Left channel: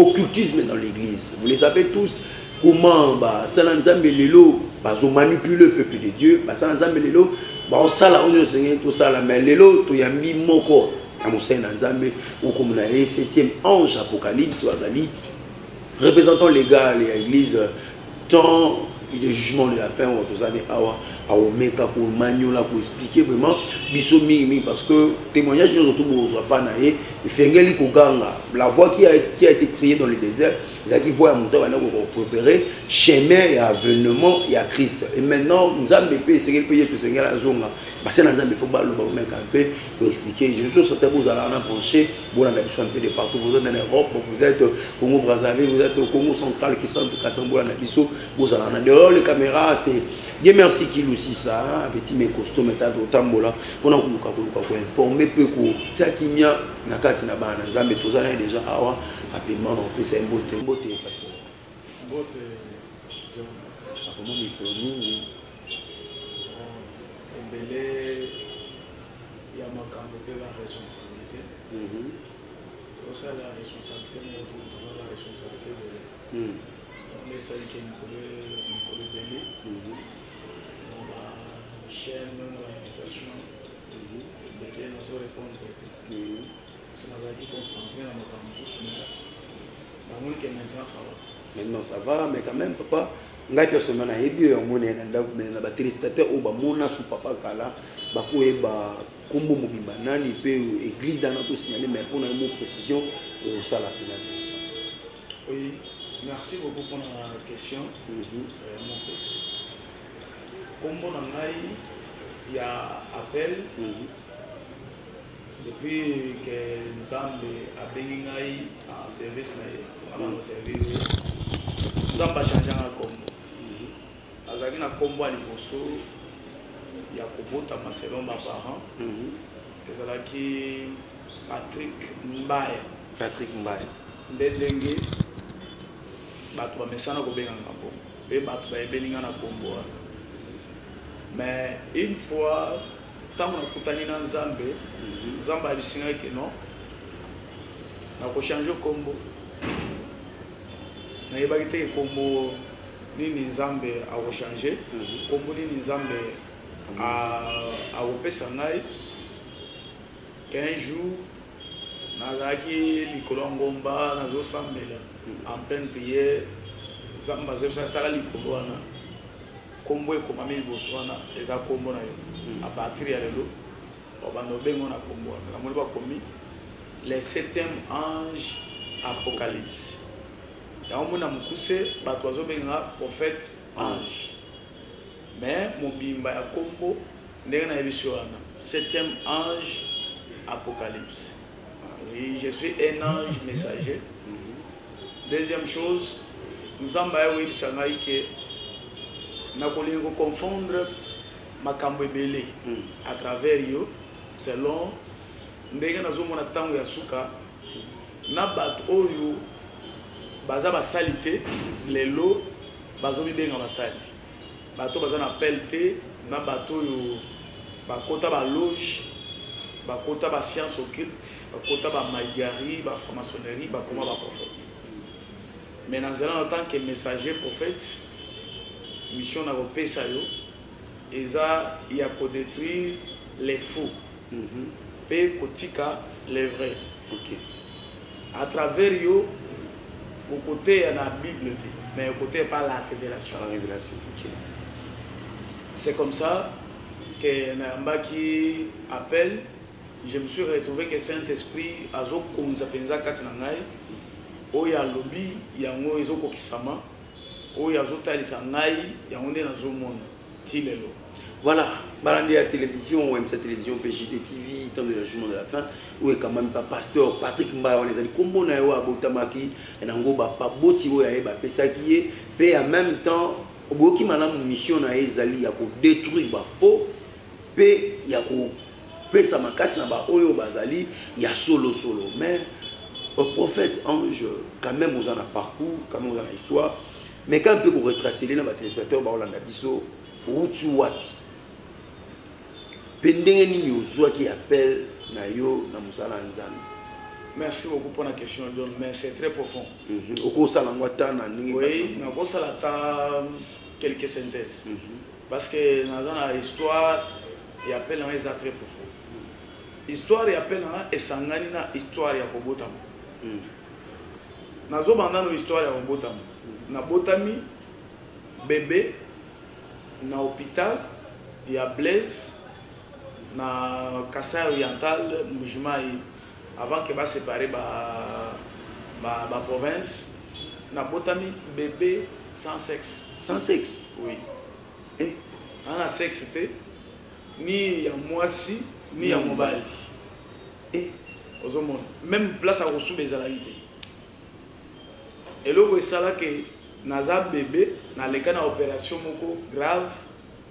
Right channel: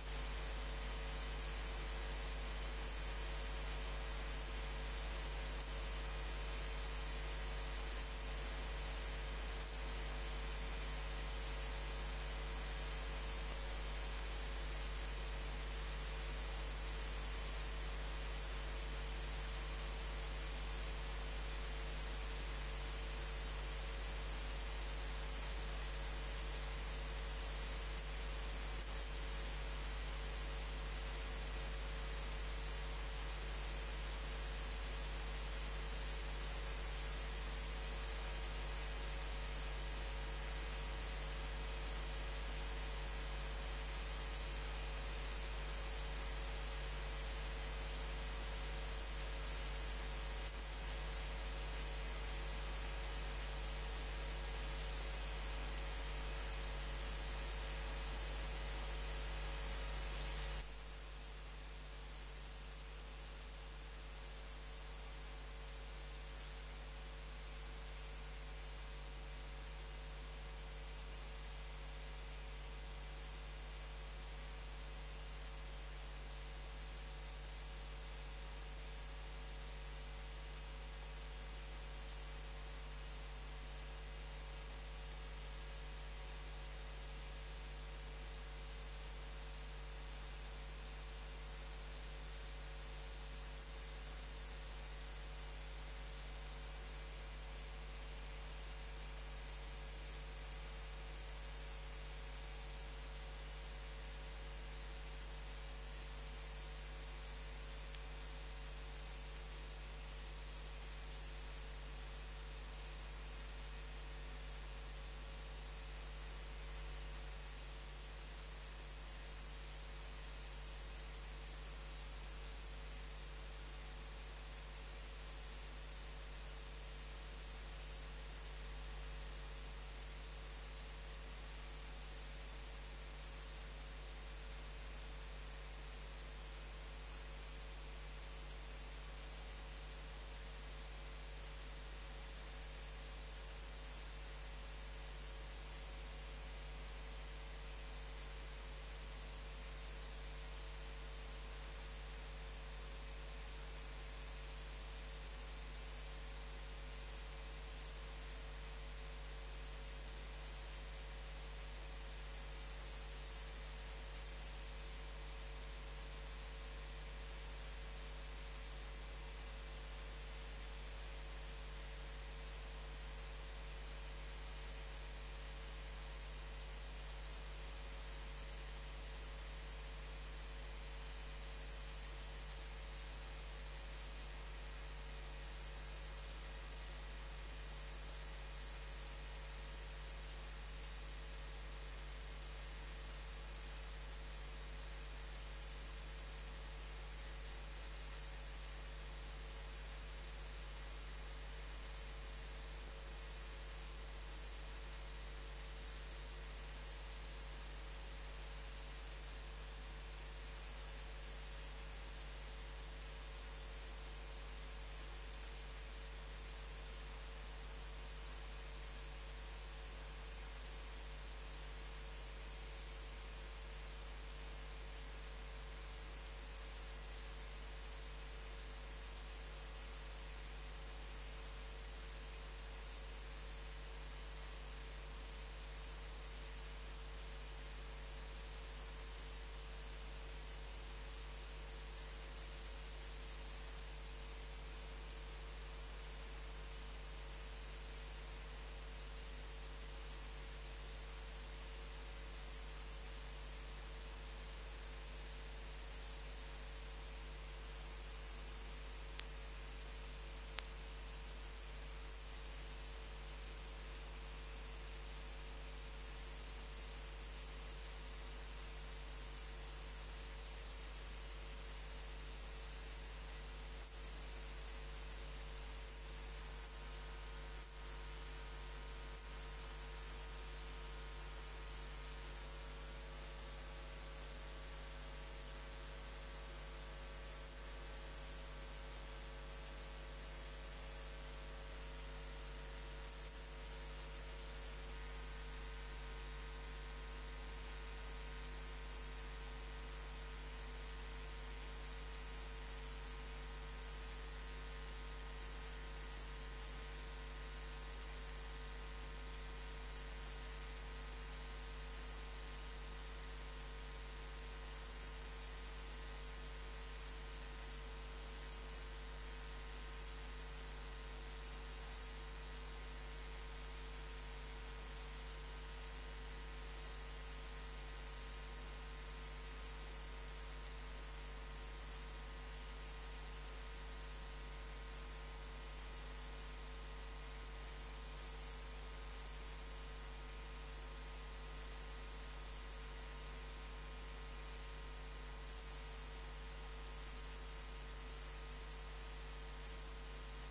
occultisme dans l'église. Vous les savez tous. Comment Salanzambe Lelo manipule le peuple de Dieu. Salanzambe Lelo on sala on Seigneur tout ça là mais Lelo to yambi moko amusena Nzambe ou comme na 7e ange apocalypse wazali représentant légal et l'église tant le jugement de la fin ou tout ça à Omeka pour maniola pour expliquer vraiment bisomi parce que témoignage nous surtout pour pas naé fengeli koganga la voix qui a été créée dans le désert qui voit monter pour préparer chemin et avènement et à Christ et maintenant nous avons peut essayer payer ce Seigneur la zone parce que nous avons faut pas le mettre un peu pour expliquer je suis sûr que vous allez en pencher vous en avez besoin un peu de partout vous êtes en Europe vous êtes au Congo Brazzaville vous êtes au Congo central qui sont tout Kassambo la Nabiso vous allez en dehors les caméras c'est Dieu merci qu'il aussi ça petit mes costauds méthode au tambola pour nous informer peu que ça qui mia na kati na bana nzambe tozana déjà awa rapidement on peut c'est beauté parce que beauté comment micro mingi embelé ya makambo pe la responsabilité ça la responsabilité mais la responsabilité de mais ça qui est Nicolas Belé dans la chaîne de l'éducation de nous répondre c'est la vie concentrée dans notre maintenant ça va mais quand même papa ngai personnellement na yebi yo mona na ba téléspectateur o ba mona sous papa kala ba ko eba kombo mobimba nani pe église dans notre signaler mais pour une précision ça la finale. Oui, merci beaucoup pour la question mon fils. Kombo na ngai il y a appel depuis que Nzambe a béni ngai en service na au service Nzambe a changé na kombo azaki na kombo ali boso ya kobota selon ma parents ezalaki Patrick Mbaye ndenge bato bamesana kobenga na kombo pe bato bayebeli nga na kombo mais une fois tant on a kutani na Nzambe Nzambe abisinga ke non na ko changer kombo na yebaki te kombo nini Nzambe a ko changer kombo nini Nzambe a opesa ngai 15 jours nazaki likolo ngomba nazo sambela en pleine prière Nzambe azobisa tala likolo wana kombo ekomami liboso wana eza kombo na yo a partir ya lelo obando bengo na kombo na moni bakomi les 7e ange apocalypse ya omona mukuse bato bazobenga prophète ange mais mobimba ya kombo ndenge na yebiso wana 7e ange apocalypse et je suis un ange messager. Deuxième chose nous avons eu que nous avons confondre makambo ebele à travers yo selon ndenge nazomona tango ya suka na bato oyo baza basalite lelo bazobibenga basali bato baza na pelte na bato oyo bakota ba loge bakota ba science occulte bakota ba maïgari ba franc-maçonnerie bakoma ba prophète mais dans en tant que messager prophète mission na kopesa yo eza ya ko détruire les faux pe kotika les vrais à travers yo au côté de la Bible mais au côté par la révélation c'est comme ça que Namba qui appelle je me suis retrouvé que Saint-Esprit azo komza penza kati na ngai oya lobi yango ezoko kisama oya azotalisa ngai yango nde nazomona tilelo. Voilà, balandi la télévision, cette télévision PJT TV, temps de la journée de la fin, où est quand même pas pasteur Patrick Mbaye, on les a dit comment on a eu à Botamaki, et n'ango ba pas boti où y a ba pesa qui est, mais en même temps, au bout qui m'a mission na ezali ya ko détruire ba faux, pe ya ko pesa makasi na ba oyo bazali ya solo mais au prophète ange quand même on en a parcours, quand même on a histoire, mais quand on peut retracer les téléspectateurs ba Olanda biso utu wapi pendenge nini uzwa qui appelle na yo na musala nzambe Merci beaucoup pour la question, John, mais c'est très profond. Oui, nous avons quelques synthèses. Parce que dans la histoire, il y a très profond. Histoire, il y a histoire, il y a Bobotam. Nous avons une histoire, il y a Bobotam. Nous avons bébé, dans l'hôpital, il y a Blaise, dans Kassai oriental, avant que va séparer la province, na botami bébé sans sexe. Sans sexe? Oui. Et on a sexe, ni ya moisi, ni ya mobali. Et même place à reçu des alaïtés. Et là, c'est ça que naza bébé, na le cas d'opération grave,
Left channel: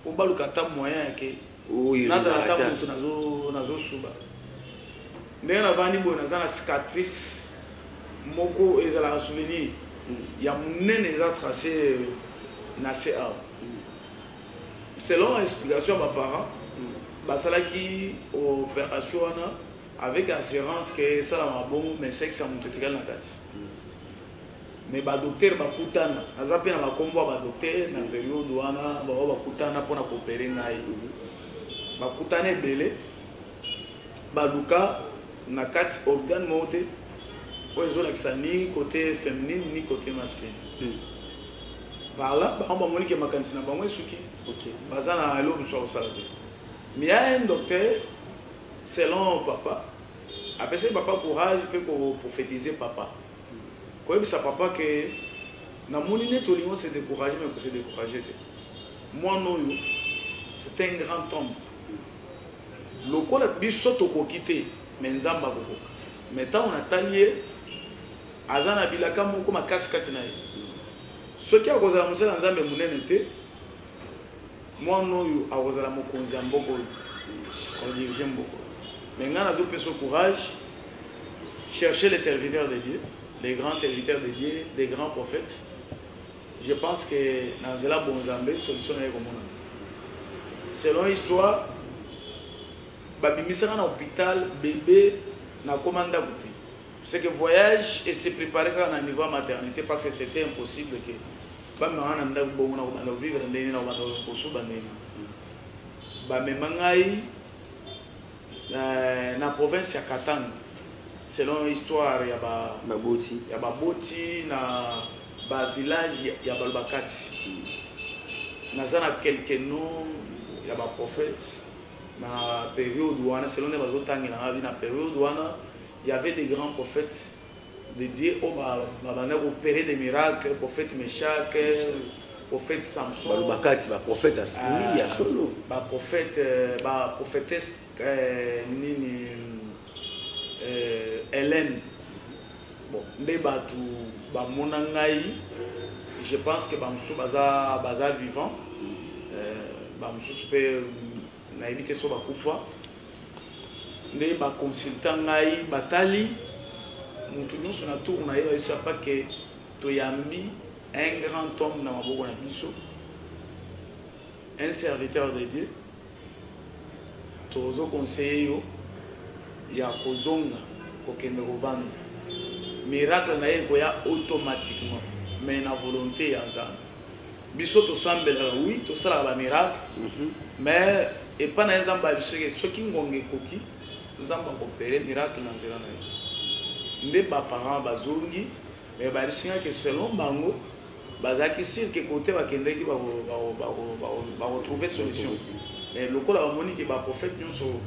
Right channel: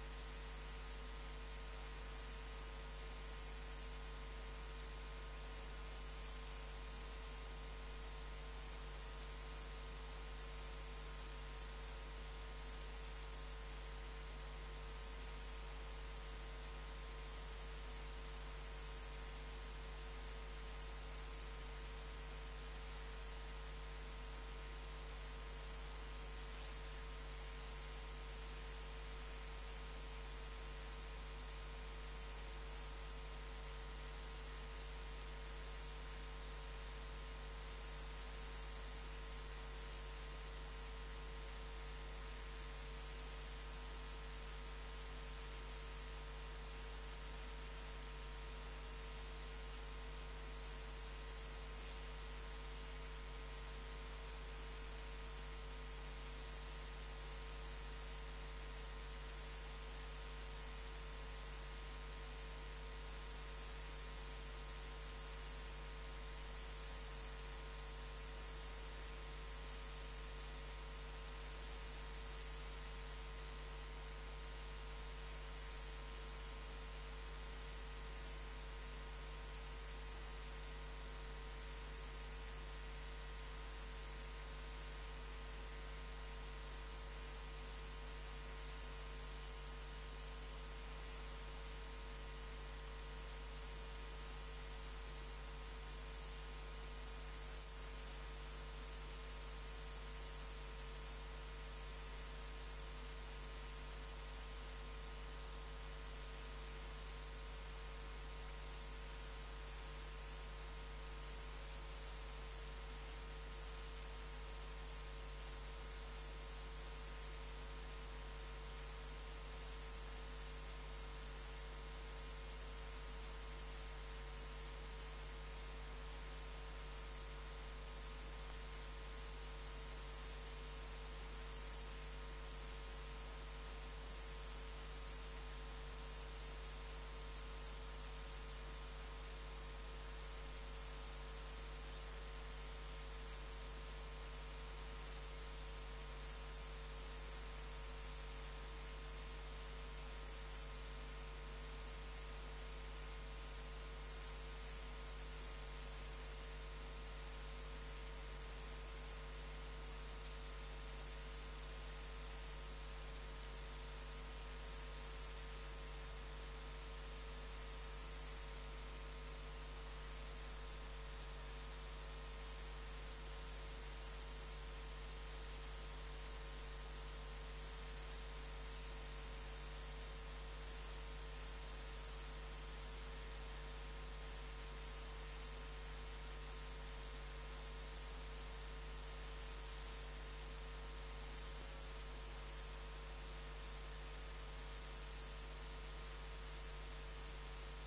pour pas le kata moyen que naza la table nazo suba. Ndenge navandi boye naza na cicatrice moko ezala souvenir ya monene eza tracé na CA. Selon l'explication de mes parents, basalaki opération avec assurance que ça la bon mais sexe amutetikala na kati. Mais ba docteur bakutana naza pe na bakombo ba docteur na période wana ba bakutana pona coopérer ngai. Bakutana ebele baluka na quatre organes montés pour les autres ni côté féminin ni côté masculin. Par là, on va monique ma cantina ba moi suki. OK. Bazana alo mso salade. Mais il y a un docteur selon papa. Après ça papa courage peut prophétiser papa. Quoi ça papa que na monine to lion se décourager mais que se décourager. Moi non c'est un grand homme. Le col a biso to ko quitter. Mais nzamba koko mais tant on a talié azana bilaka moko makasi kati na ye soki akozala mosala nzambe munene te mwana oyo akozala mokonzi ya mboka oyo kodirige mboka mais nga nazopesa courage chercher les serviteurs de Dieu, les grands serviteurs de Dieu, des grands prophètes. Je pense que dans la bonzambe solution est comme selon l'histoire babimisaka na hôpital bébé na commande à goûter. C'est que voyage et se préparer à un niveau maternité parce que c'était impossible que bamana nda bo na vivre ndeni na bando kosuba ndeni ba memangai na province ya Katanga selon histoire ya baboti na ba village ya Balbakati nazana quelques noms ya ba prophètes. Na période où on a selon les autres na période où il y avait des grands prophètes de Dieu au opérer des miracles, prophète Meshach, prophète Samson, prophète Asmini, solo, prophétesse Hélène. Bon, je pense que baza vivant, na évité so bakufa ne ba consultant ngai batali mutu nyonso na tour na yeba isa pas que toyambi un grand homme na maboko na biso un serviteur de Dieu tozo conseiller yo ya kozonga kokende kovanda miracle na ye koya automatiquement mais na volonté ya nzambe biso tosambela oui tosala ba miracle mais et pas dans un endroit ce qui ngonge koki nzamba opérer miracle na nzela na ye nde ba parents bazongi mais ba risinga que selon bango bazaki sir que côté ba kendeki ba retrouver solution mais le kola ba moni que ba prophète nyonso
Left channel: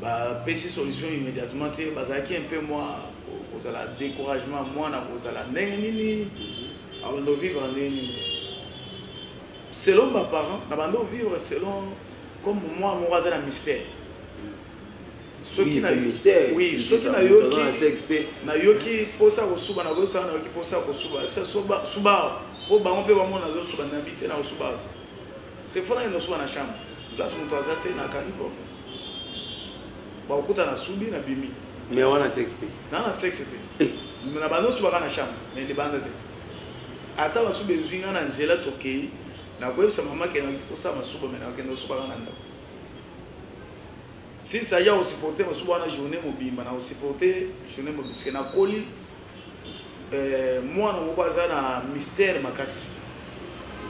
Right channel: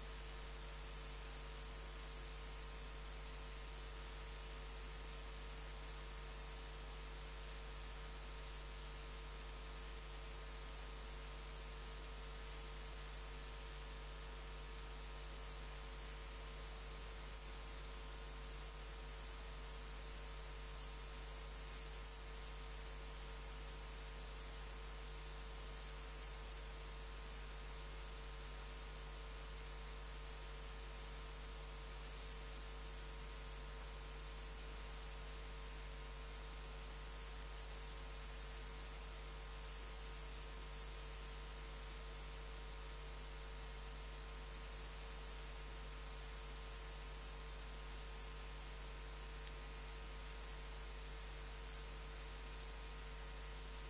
ba pesi solution immédiatement te bazaki un peu moi aux ala découragement moi na aux ala nini avant de vivre nini selon mes parents na bando vivre selon comme moi mon voisin a mystère ceux qui na mystère oui ceux qui na yoki posa ko suba na gosa na yoki posa ko suba ça suba po bango pe bango na zo suba na bité na suba c'est fona ino suba na chambre place mon toazate na kanibo ba okuta na subi na bimi mais wana sexte na sexte na bando suba na chambre mais de bande te ata ba suba zuinga na nzela tokei na kwebisa mama ke na kosa masuba mena ke no suba na ndo si ça y a aussi porté parce que la journée mobile na aussi porté journée mobile parce que na koli moi na mobaza na mystère makasi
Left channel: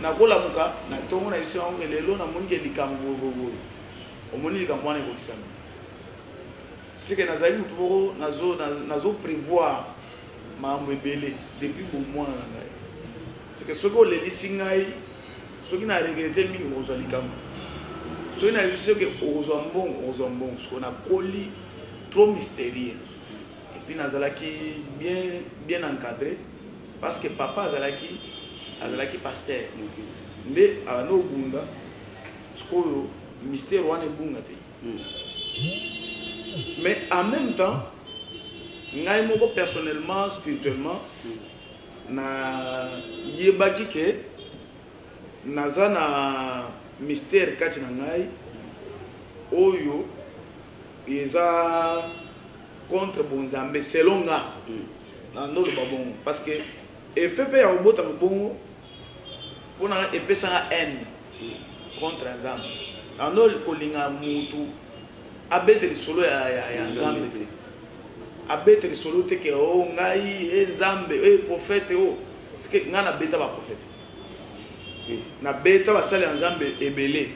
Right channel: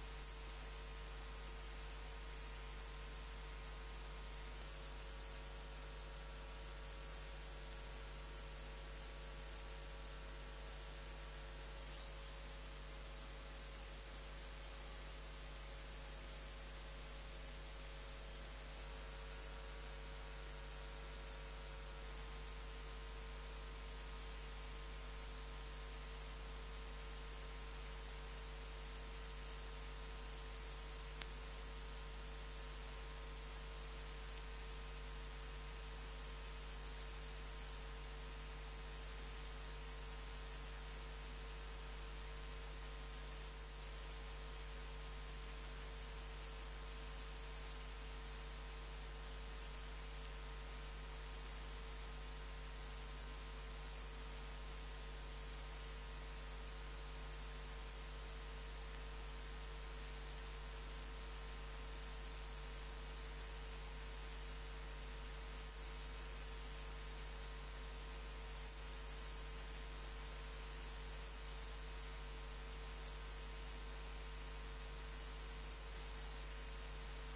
na kola muka na tongo na biso ngo lelo na moni ke likambo bobo omoni likambo na ko kisana c'est que nazali mutu nazo prévoir mambo ebele depuis bon mois na ngai c'est que soko le lisingai soki na regretter mingi ozwa likambo soki na biso ke ozwa mbongo soko na koli trop mystérieux et puis nazalaki bien encadré parce que papa azalaki pasteur nde ano bunda soko mystère wana ebunga te mais en même temps ngai moko personnellement spirituellement na yebaki ke naza na mystère kati na ngai oyo eza contre bonzambe selon nga na ndoloba bongo parce que effet mpe ya kobota bongo mpona epesanga haine contre nzambe ando kolinga mutu abete lisolo ya nzambe te abete lisolo te ke o ngai nzambe prophète o parce que nga na beta ba prophète na beta ba sala nzambe ebele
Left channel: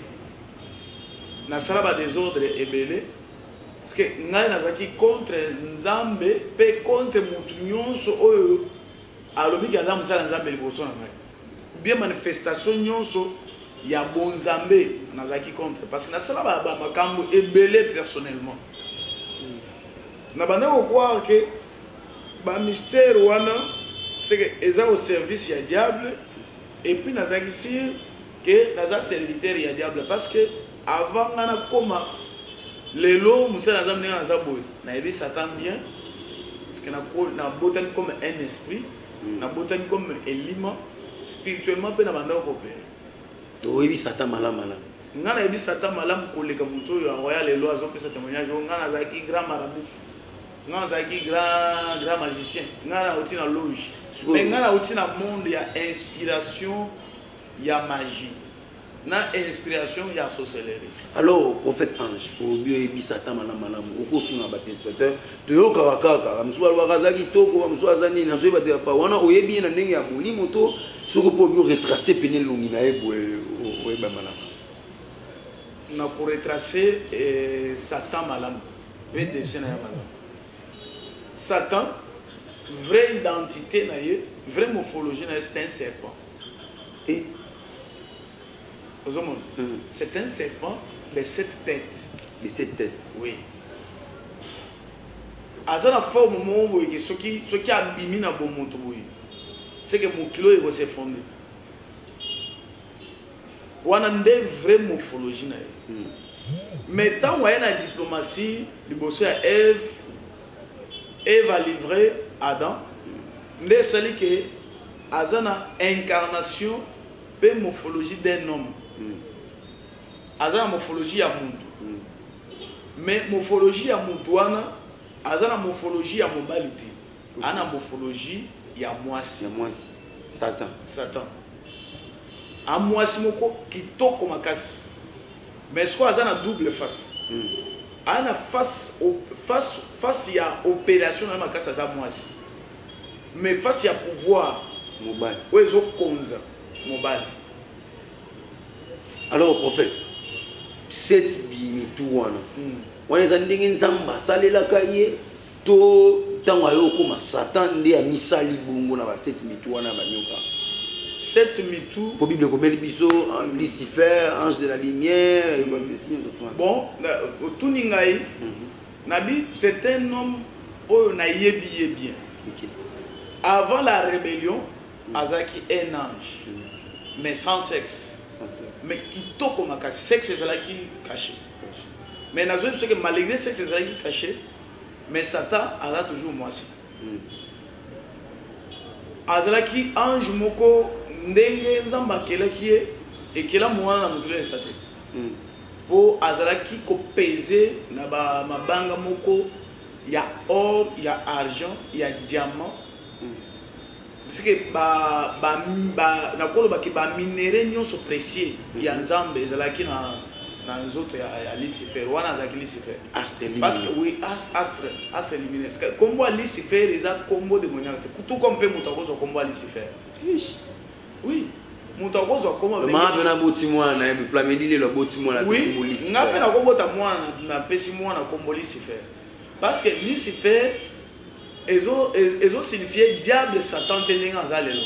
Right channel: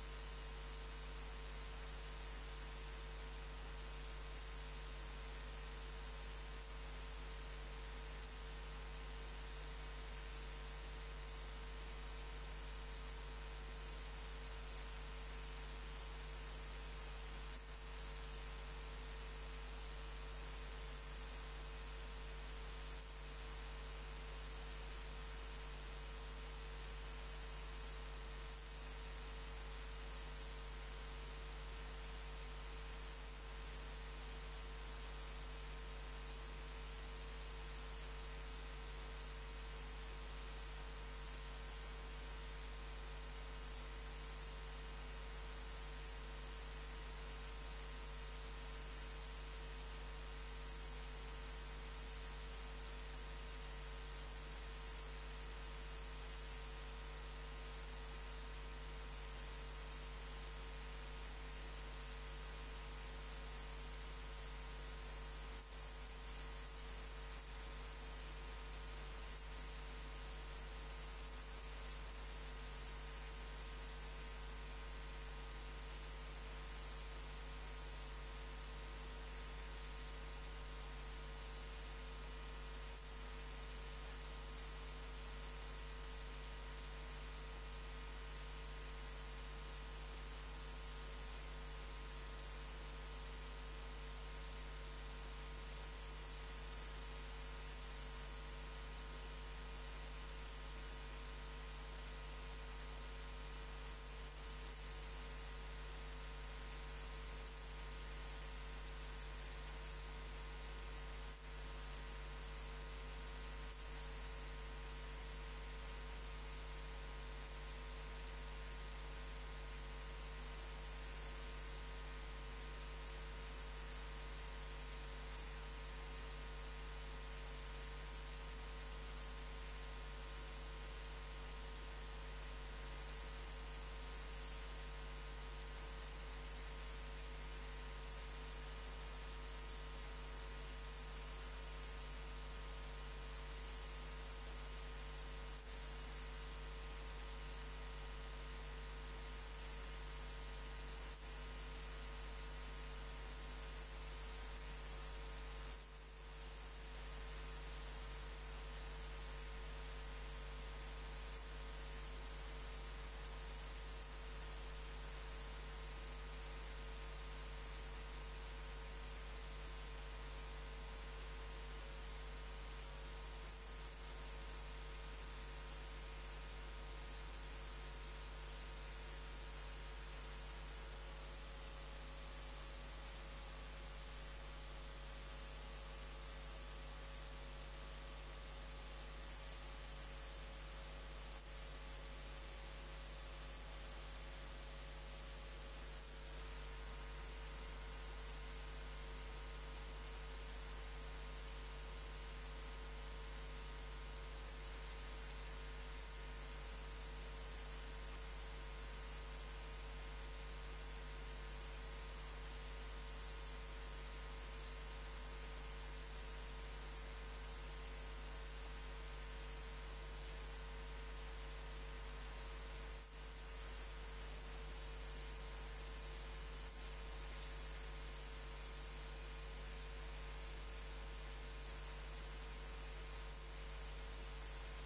na sala ba désordre ebele parce que ngai nazaki contre nzambe pe contre mutu nyonso oyo alobi ke nzambe sala nzambe liboso na ngai bien manifestation nyonso ya bonzambe nazaki contre parce que na sala ba makambo ebele personnellement na banda ko croire que ba mystère wana c'est que eza au service ya diable et puis nazaki sûr que naza serviteur ya diable parce que avant ngana koma lelo musala nzambe na zaboy na yebi satan bien parce que na botani comme un esprit na botani comme élément spirituellement pe na banda ko opérer oyebi satan malama ngana yebi satan malamu koleka muto yo envoya lelo azopesa témoignage ngana zaki grand marabout ngana zaki grand magicien ngana oti na loge mais ngana oti na monde ya inspiration ya magie na inspiration ya sorcellerie. Alors prophète ange obi oyebi satan malamu okosunga ba inspecteur toyoka kaka msuwa wakazaki toko msuwa zani na zoeba te pa wana oyebi na ndenge ya molimo to soko po bio retracer penel longi na ebo oyeba malamu na pour retracer satan malamu pe dessin ya malamu Satan vraie identité na ye vraie morphologie na ye c'est un serpent et c'est un serpent de 7 têtes. De 7 têtes. Oui. Aza la forme mo boye ce qui abimi na bon monto boye. C'est que mon kilo il va s'effondrer. Wana nde vraie morphologie na ye. Mais tant wa na diplomatie liboso ya Ève a livré Adam. Nde sali que aza na incarnation pe morphologie d'un homme. Aza na morphologie ya muntu mais morphologie ya muntu wana aza na morphologie ya mobali te ana morphologie ya mwasi Satan a mwasi moko kitoko makasi mais siko aza na double face ana face ya opération na makasi aza mwasi mais face ya pouvoir mobali oyo ezokonza mobali. Alors prophète 7 bimitu wana wana eza ndenge nzambe asalelaka ye to ntango ayo okoma satan nde amisali bongo na ba 7 mitu wana banyoka 7 mitu po bible komeli biso Lucifer ange de la lumière et bon otuni ngai nabi c'est un homme oyo na yebi bien avant la rébellion azaki un ange mais sans sexe. Mais qui toque comme un sexe, c'est là qui caché. Mais nous avons que malgré sexe, c'est là qui caché. Mais Satan a toujours moi aussi. Azala qui ange moko ndenge zamba kela qui est et kela mwana na mutule sate. Po azala qui ko peser na ba mabanga moko ya or, ya argent, ya diamant. Parce que na kolo ba ki ba minéraux nyonso précieux ya nzambe ezalaki dans les autres il y a Lucifer wana azaki Lucifer Astre parce que oui astre éliminé combo Lucifer les a combo démoniaque tout comme peut muta ko combo Lucifer oui muta ko combo le ma na boti mwana e plameli le boti mwana oui ngape na ko bota mwana na pesi mwana combo Lucifer parce que Lucifer ezo signifier diable Satan tenenga azalelo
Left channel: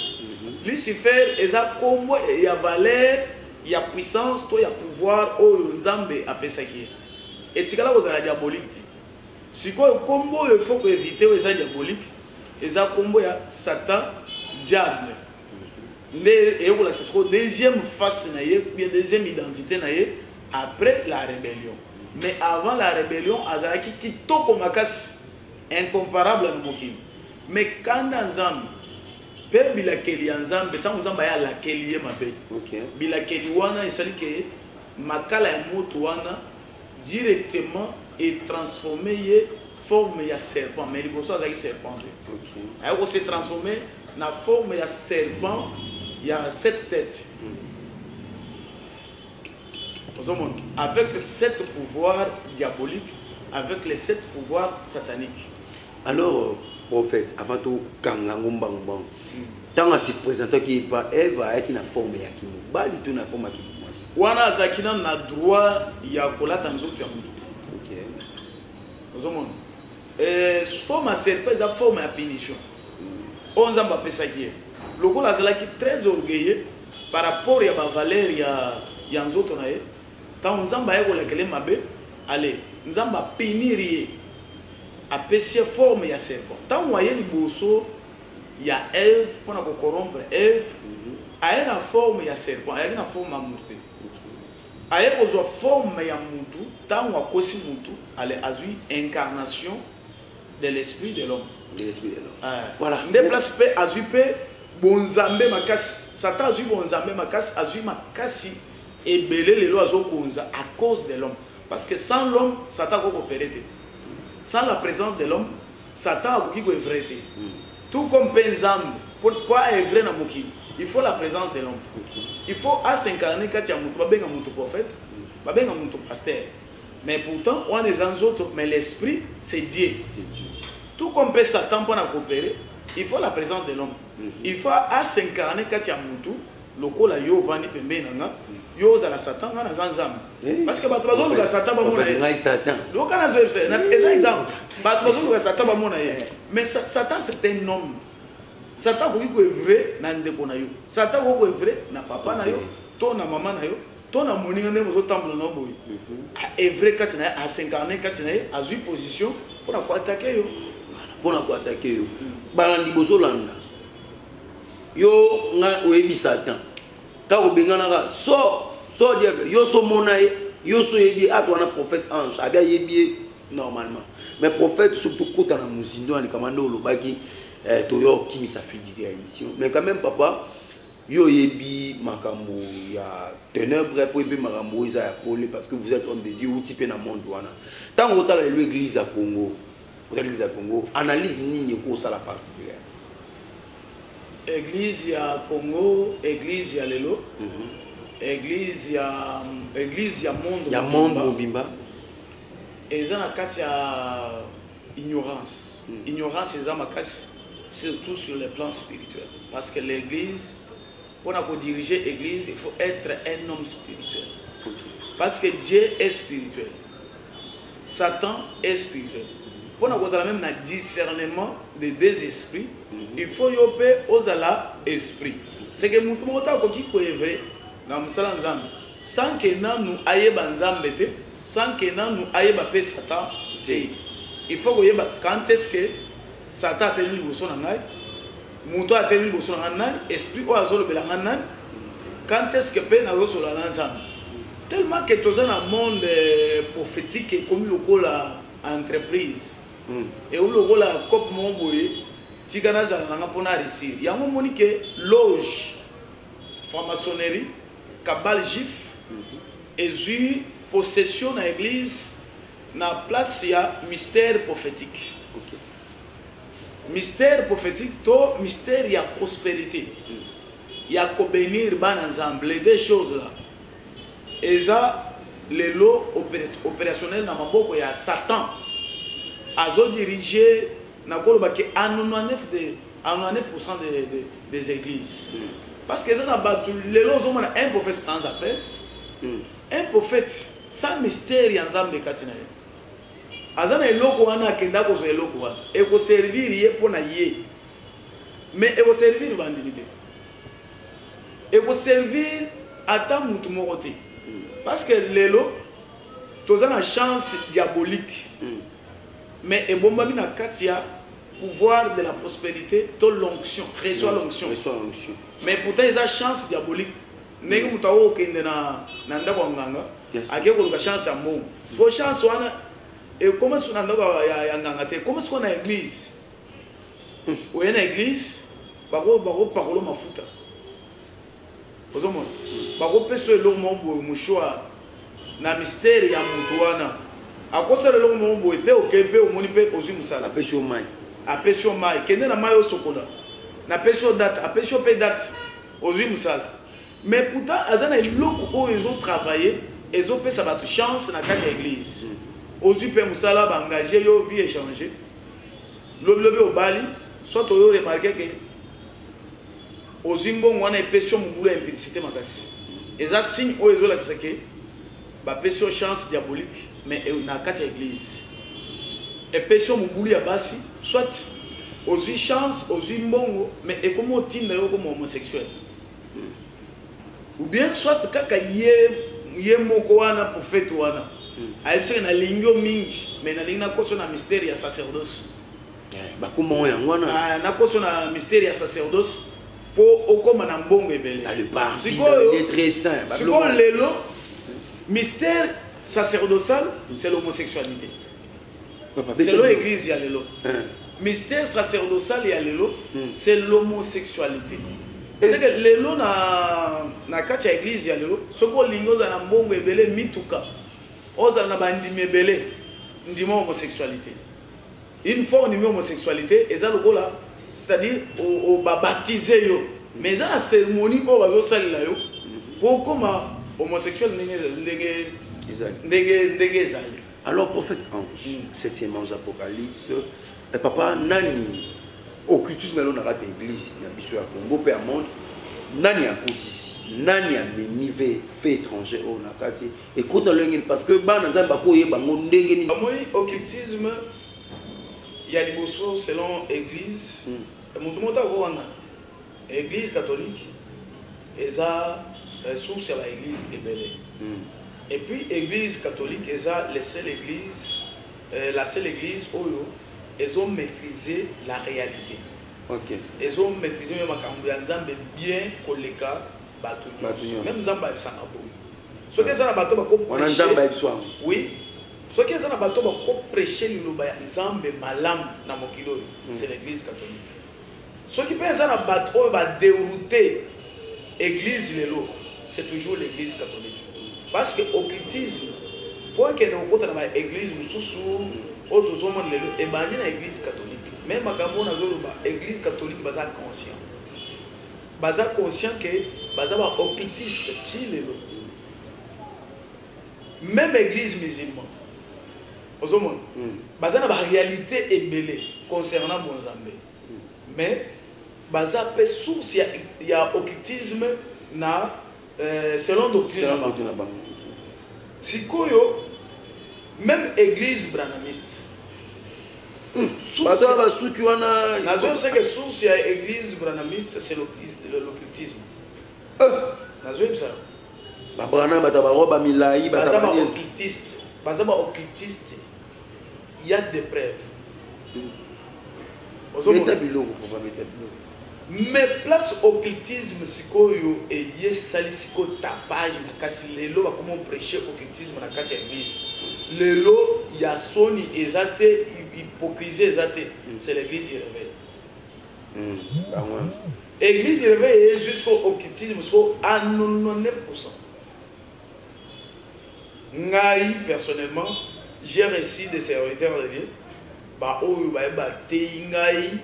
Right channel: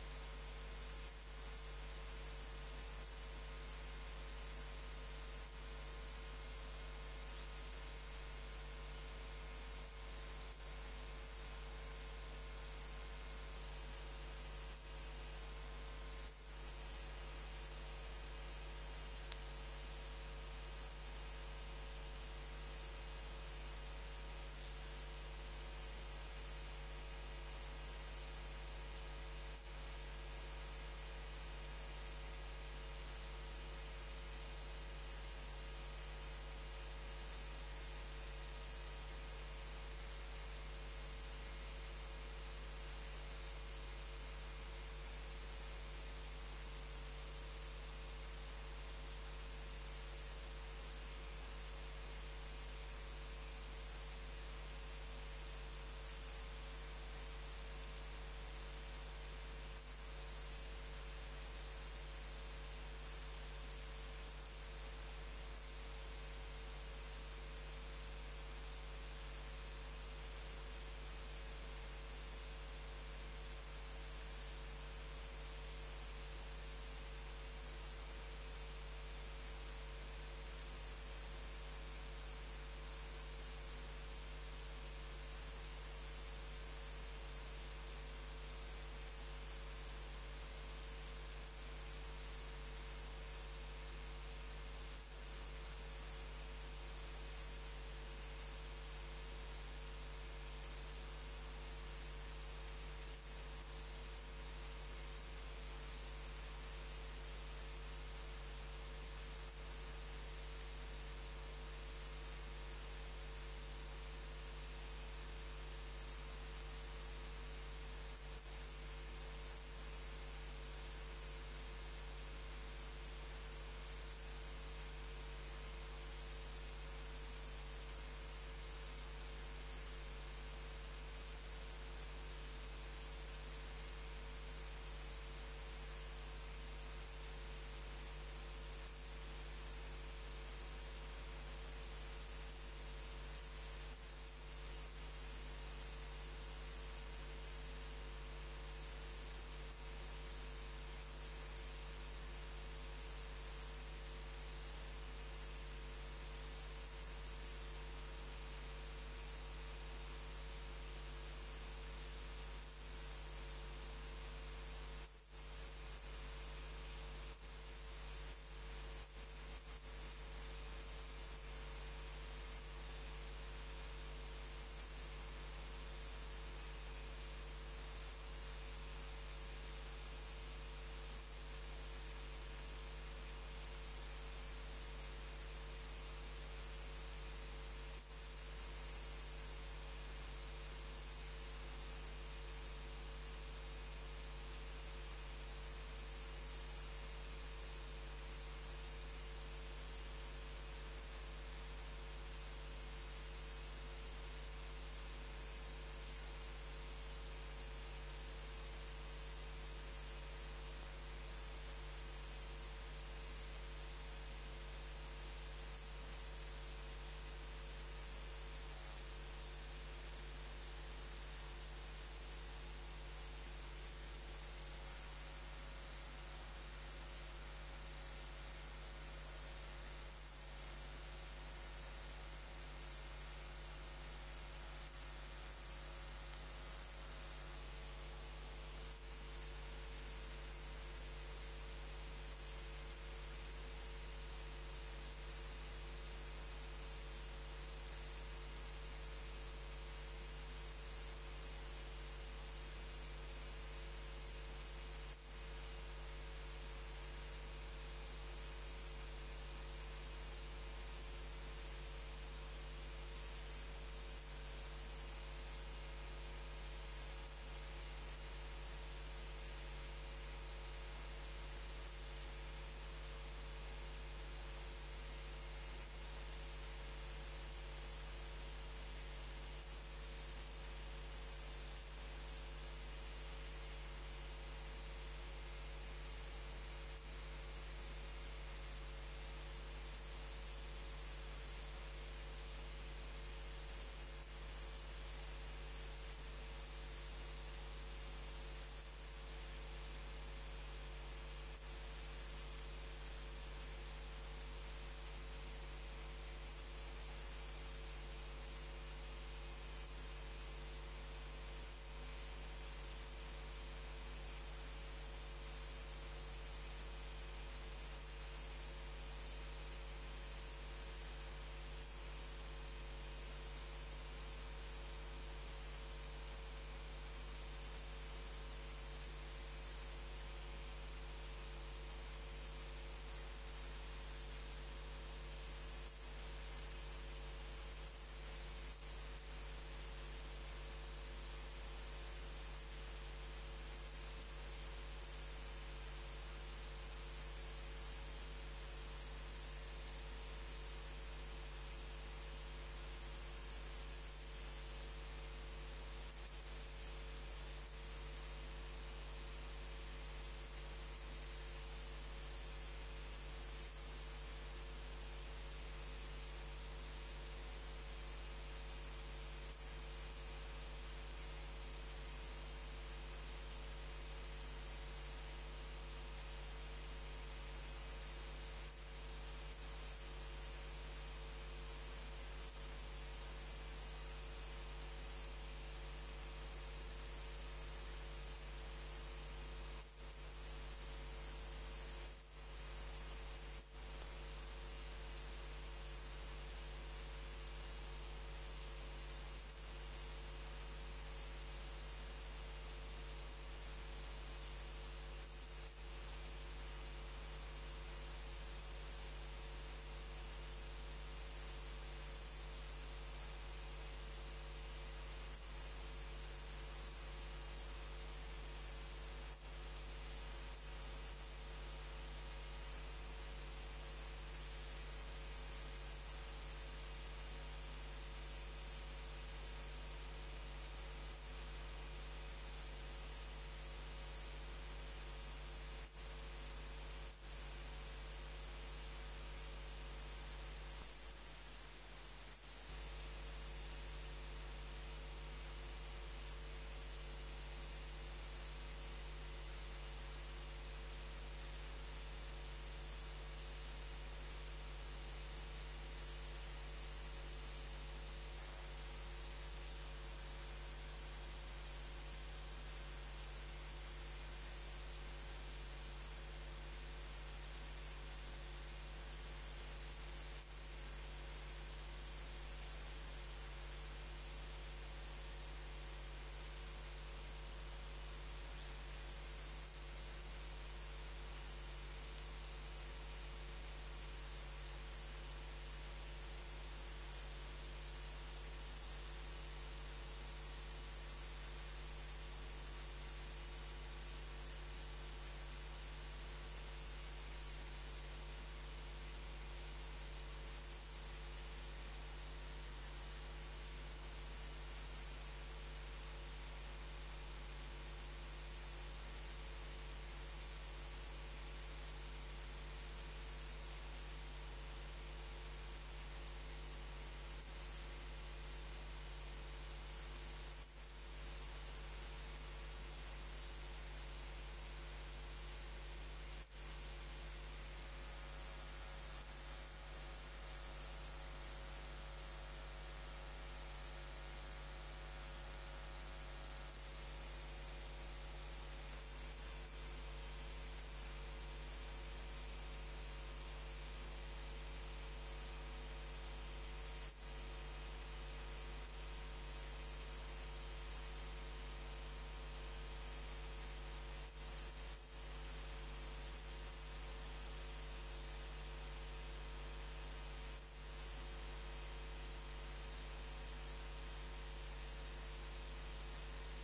Lucifer eza combo ya valeur ya puissance to ya pouvoir o Nzambe apesaki etikala kozala diabolique sikoyo combo il faut que éviter eza diabolique eza combo ya Satan diable et voilà c'est ce deuxième face na ye bien deuxième identité na ye après la rébellion mais avant la rébellion azalaki kitoko makasi incomparable na mokili mais quand Nzambe pe bilakeli ya Nzambe tango Nzambe ya lakeli ye mabe bilakeli wana esali ke makala ya moto wana directement et transformé ye forme ya serpent mais liboso azaki serpent ayako se transformé na forme ya serpent ya 7 têtes avec 7 pouvoirs diaboliques avec les 7 pouvoirs sataniques. Alors prophète avant tout kangango mbangmbang tant à se présenter qui pas Ève avec une forme ya kimu bali tout na forme ya kimu wana azakina na droit ya kolata nzoto ya mutu ozomona forme ya serpent eza forme ya punition oyo Nzambe apesaki ye lokola azalaki très orgueilleux par rapport ya bavaleur ya nzoto na ye ntango Nzambe aye kolekele mabe ale Nzambe apinir ye apesi forme ya serpent ntango aye liboso ya Ève mpona kocorrompre Ève aye na forme ya serpent ayaki na forme ya mutu te aye kozwa forme ya mutu ntango akosi mutu ale azwi incarnation de l'esprit de l'homme voilà nde place mpe azwi mpe bonzambe makasi Satan azwi bonzambe makasi azwi makasi ebele lelo azokonza à cause de l'homme parce que sans l'homme Satan akoki opérer te sans la présence de l'homme Satan akoki koevre te tout comme mpe Nzambe pour evre na mokili il faut la présence de l'homme il faut s'incarner kati ya mutu babenga mutu prophète babenga mutu pasteur mais pourtant wana eza nzoto mais l'esprit c'est Dieu tout comme mpe Satan mpona coopérer il faut la présence de l'homme il faut s'incarner kati ya mutu lokola yo vandi pembeni nanga yo ozala Satan nga naza Nzambe parce que bato bazoluka Satan bamona ye loka nazoyebisa eza exemple bato bazoluka Satan bamona ye mais Satan c'est un homme Satan akoki koevre na ndeko na yo Satan akoki koevre na papa na yo to na mama na yo to na moninga ndenge ozotambola na boye aevre kati na ye asincarne kati na ye azwi position mpona koatake yo balandi bozolanda yo nga oyebi Satan ka obenganaka so diable yo so mona ye yo so yebi atwana prophète ange abia yebi normalement mais prophète surtout kota na muzindo ani kamando olobaki toyo kimisa fididi ya émission mais quand même papa yo yebi makambo ya ténèbres pour yebi makambo isa ya pole parce que vous êtes homme de Dieu ou type na monde wana tango otala l'église ya Congo analyse nini ko ça la particulière église ya Congo église ya lelo église ya monde mobimba eza na kati ya ignorance eza makasi surtout sur le plan spirituel parce que l'église pour diriger l'église il faut être un homme spirituel parce que Dieu est spirituel Satan est spirituel pour nous même na discernement des deux esprits il faut yope ozala esprit c'est que mutu mota ko ki ko evre na musala Nzambe sans que nanu ayeba Nzambe te sans que nanu ayeba pe Satan te il faut ko yeba quand est-ce que Satan a tenu liboso na ngai mutu a tenu liboso na ngai esprit o azolo belanga nani quand est-ce que pe na rosola na Nzambe tellement que tous dans un monde prophétique et comme le la entreprise et où le la cop mon boye tigana za na pona réussir ya mo moni que loge franc-maçonnerie cabale juif et ju possession na église na place ya mystère prophétique mystère prophétique to mystère ya prospérité ya ko bénir ban ensemble les deux choses là et ça lelo opérationnel na maboko ya Satan azo diriger na koloba ke à 99% des églises. Parce que ça n'a pas lelo zomona un prophète sans appel. Un prophète sans mystère en Nzambe katina. Azana eloko wana akenda ko zo eloko wana. E ko servir ye pona ye. Mais e ko servir bandimité. Et pour servir à ta moutumote. Parce que lelo, tu as une chance diabolique. Mais et bon babi na katia pouvoir de la prospérité, to l'onction, reçoit l'onction. Mais pourtant ils ont chance diabolique. Negi mutawo kende na ndako nganga, ake ko ka chance amo. So chance wana et comment son ndako ya nganga te, comment est-ce qu'on a église? Ou une église, bako parolo mafuta. Bako peso elongo mbo mushwa na mystère ya mutu wana. Akosa le longo mbo epe okepe omoni pe ozu musala apesio mai. Apesio mai kende na mai osokola. Na pesio date, apesio pe date ozu musala. Mais pourtant azana eloko o ezo travailler, ezo pesa batu chance na kati ya église. Ozu pe musala ba engager yo vie échanger. Lobi obali, soit oyo remarquer que Ozimbo wana epesio mubulu ya implicité makasi. Eza signe o ezo la kisake ba pesio chance diabolique mais na kati ya église. Epesio mubulu ya basi soit ozi chance ozi mbongo mais ekomo tinda yo comme homosexuel. Ou bien soit kaka ye moko wana prophète wana. Aipse na lingyo mingi mais na lingna koso na mystère ya sacerdoce. Ba kumo yango wana. Na koso na mystère ya sacerdoce. Pour na mbongo ebele. Dans le parti, il est très saint. Siko lelo mystère sacerdotal, c'est l'homosexualité. C'est l'église ya lelo. Mystère sacerdotal ya lelo, c'est l'homosexualité. C'est que lelo na kati ya église ya lelo, soko lingo za na mbongo ebele mituka. Oza na bandimi ebele ndimo homosexualité. Une fois on dit homosexualité, et ça le là, c'est-à-dire au baptiser yo. Mais ça la cérémonie au bazo salila yo. Pour comment homosexuel ndenge. Alors prophète Ange, 7e ange Apocalypse, papa nani occultisme là na l'église na biso ya Congo pe monde nani akotisi nani amenive fait étranger au nakati écoute l'engin parce que bana nzamba ko yeba ngo ndenge ni amoni occultisme il y a des choses selon église mutu mota ko wana église catholique eza source ya l'église ebele et puis église catholique eza la seule église oyo ils ont maîtrisé la réalité. OK. Ils ont maîtrisé même makambo ya Nzambe bien koleka bato nyonso. Même Nzambe abisanga bo. Ce que ça na bato ba ko prêcher. On Nzambe abiswa. Oui. Ce que ça na bato ba ko prêcher liloba ya Nzambe malam na mokilo c'est l'église catholique. Ce qui peut ça na bato oyo ba dérouter église lelo, c'est toujours l'église catholique. Parce que occultisme pour que nous kota na église mususu autres hommes lelo et bandi na église catholique même makambo na zoloba église catholique baza conscient que baza ba occultiste ti lelo même église musulmane ozomona baza na ba réalité ebele concernant bonzambe mais baza pe source ya occultisme na selon doctrine sikoyo même église branamiste. C'est que source de l'église branamiste, c'est l'occultisme. Il y a des preuves. Mais place occultisme, et y tapage, comment prêcher occultisme dans la église. Lelo ya soni ezate hypocrisie ezate c'est l'église qui réveille. L'église qui réveille jusqu'au occultisme à 99%. Ngai personnellement j'ai reçu des serviteurs de Dieu ba oyo ba tei ngai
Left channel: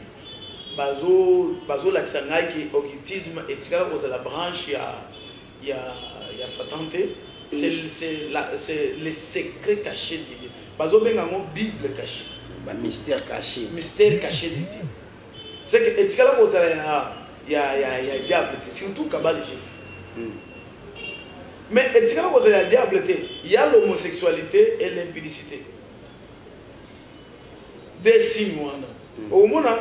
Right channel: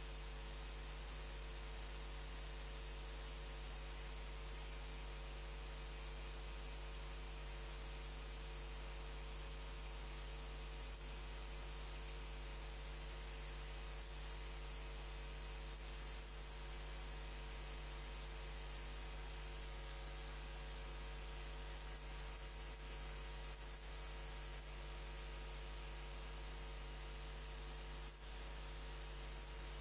bazo la ngai qui occultisme et tika ko la branche ya Satan te c'est le secret caché de Dieu. Parce que la Bible cachée. Mystère caché. Mystère caché de Dieu. C'est que il y a diable, surtout Kabbalah de chef. Mais il y a diable, il y a l'homosexualité et l'impudicité. Des signes. Au moment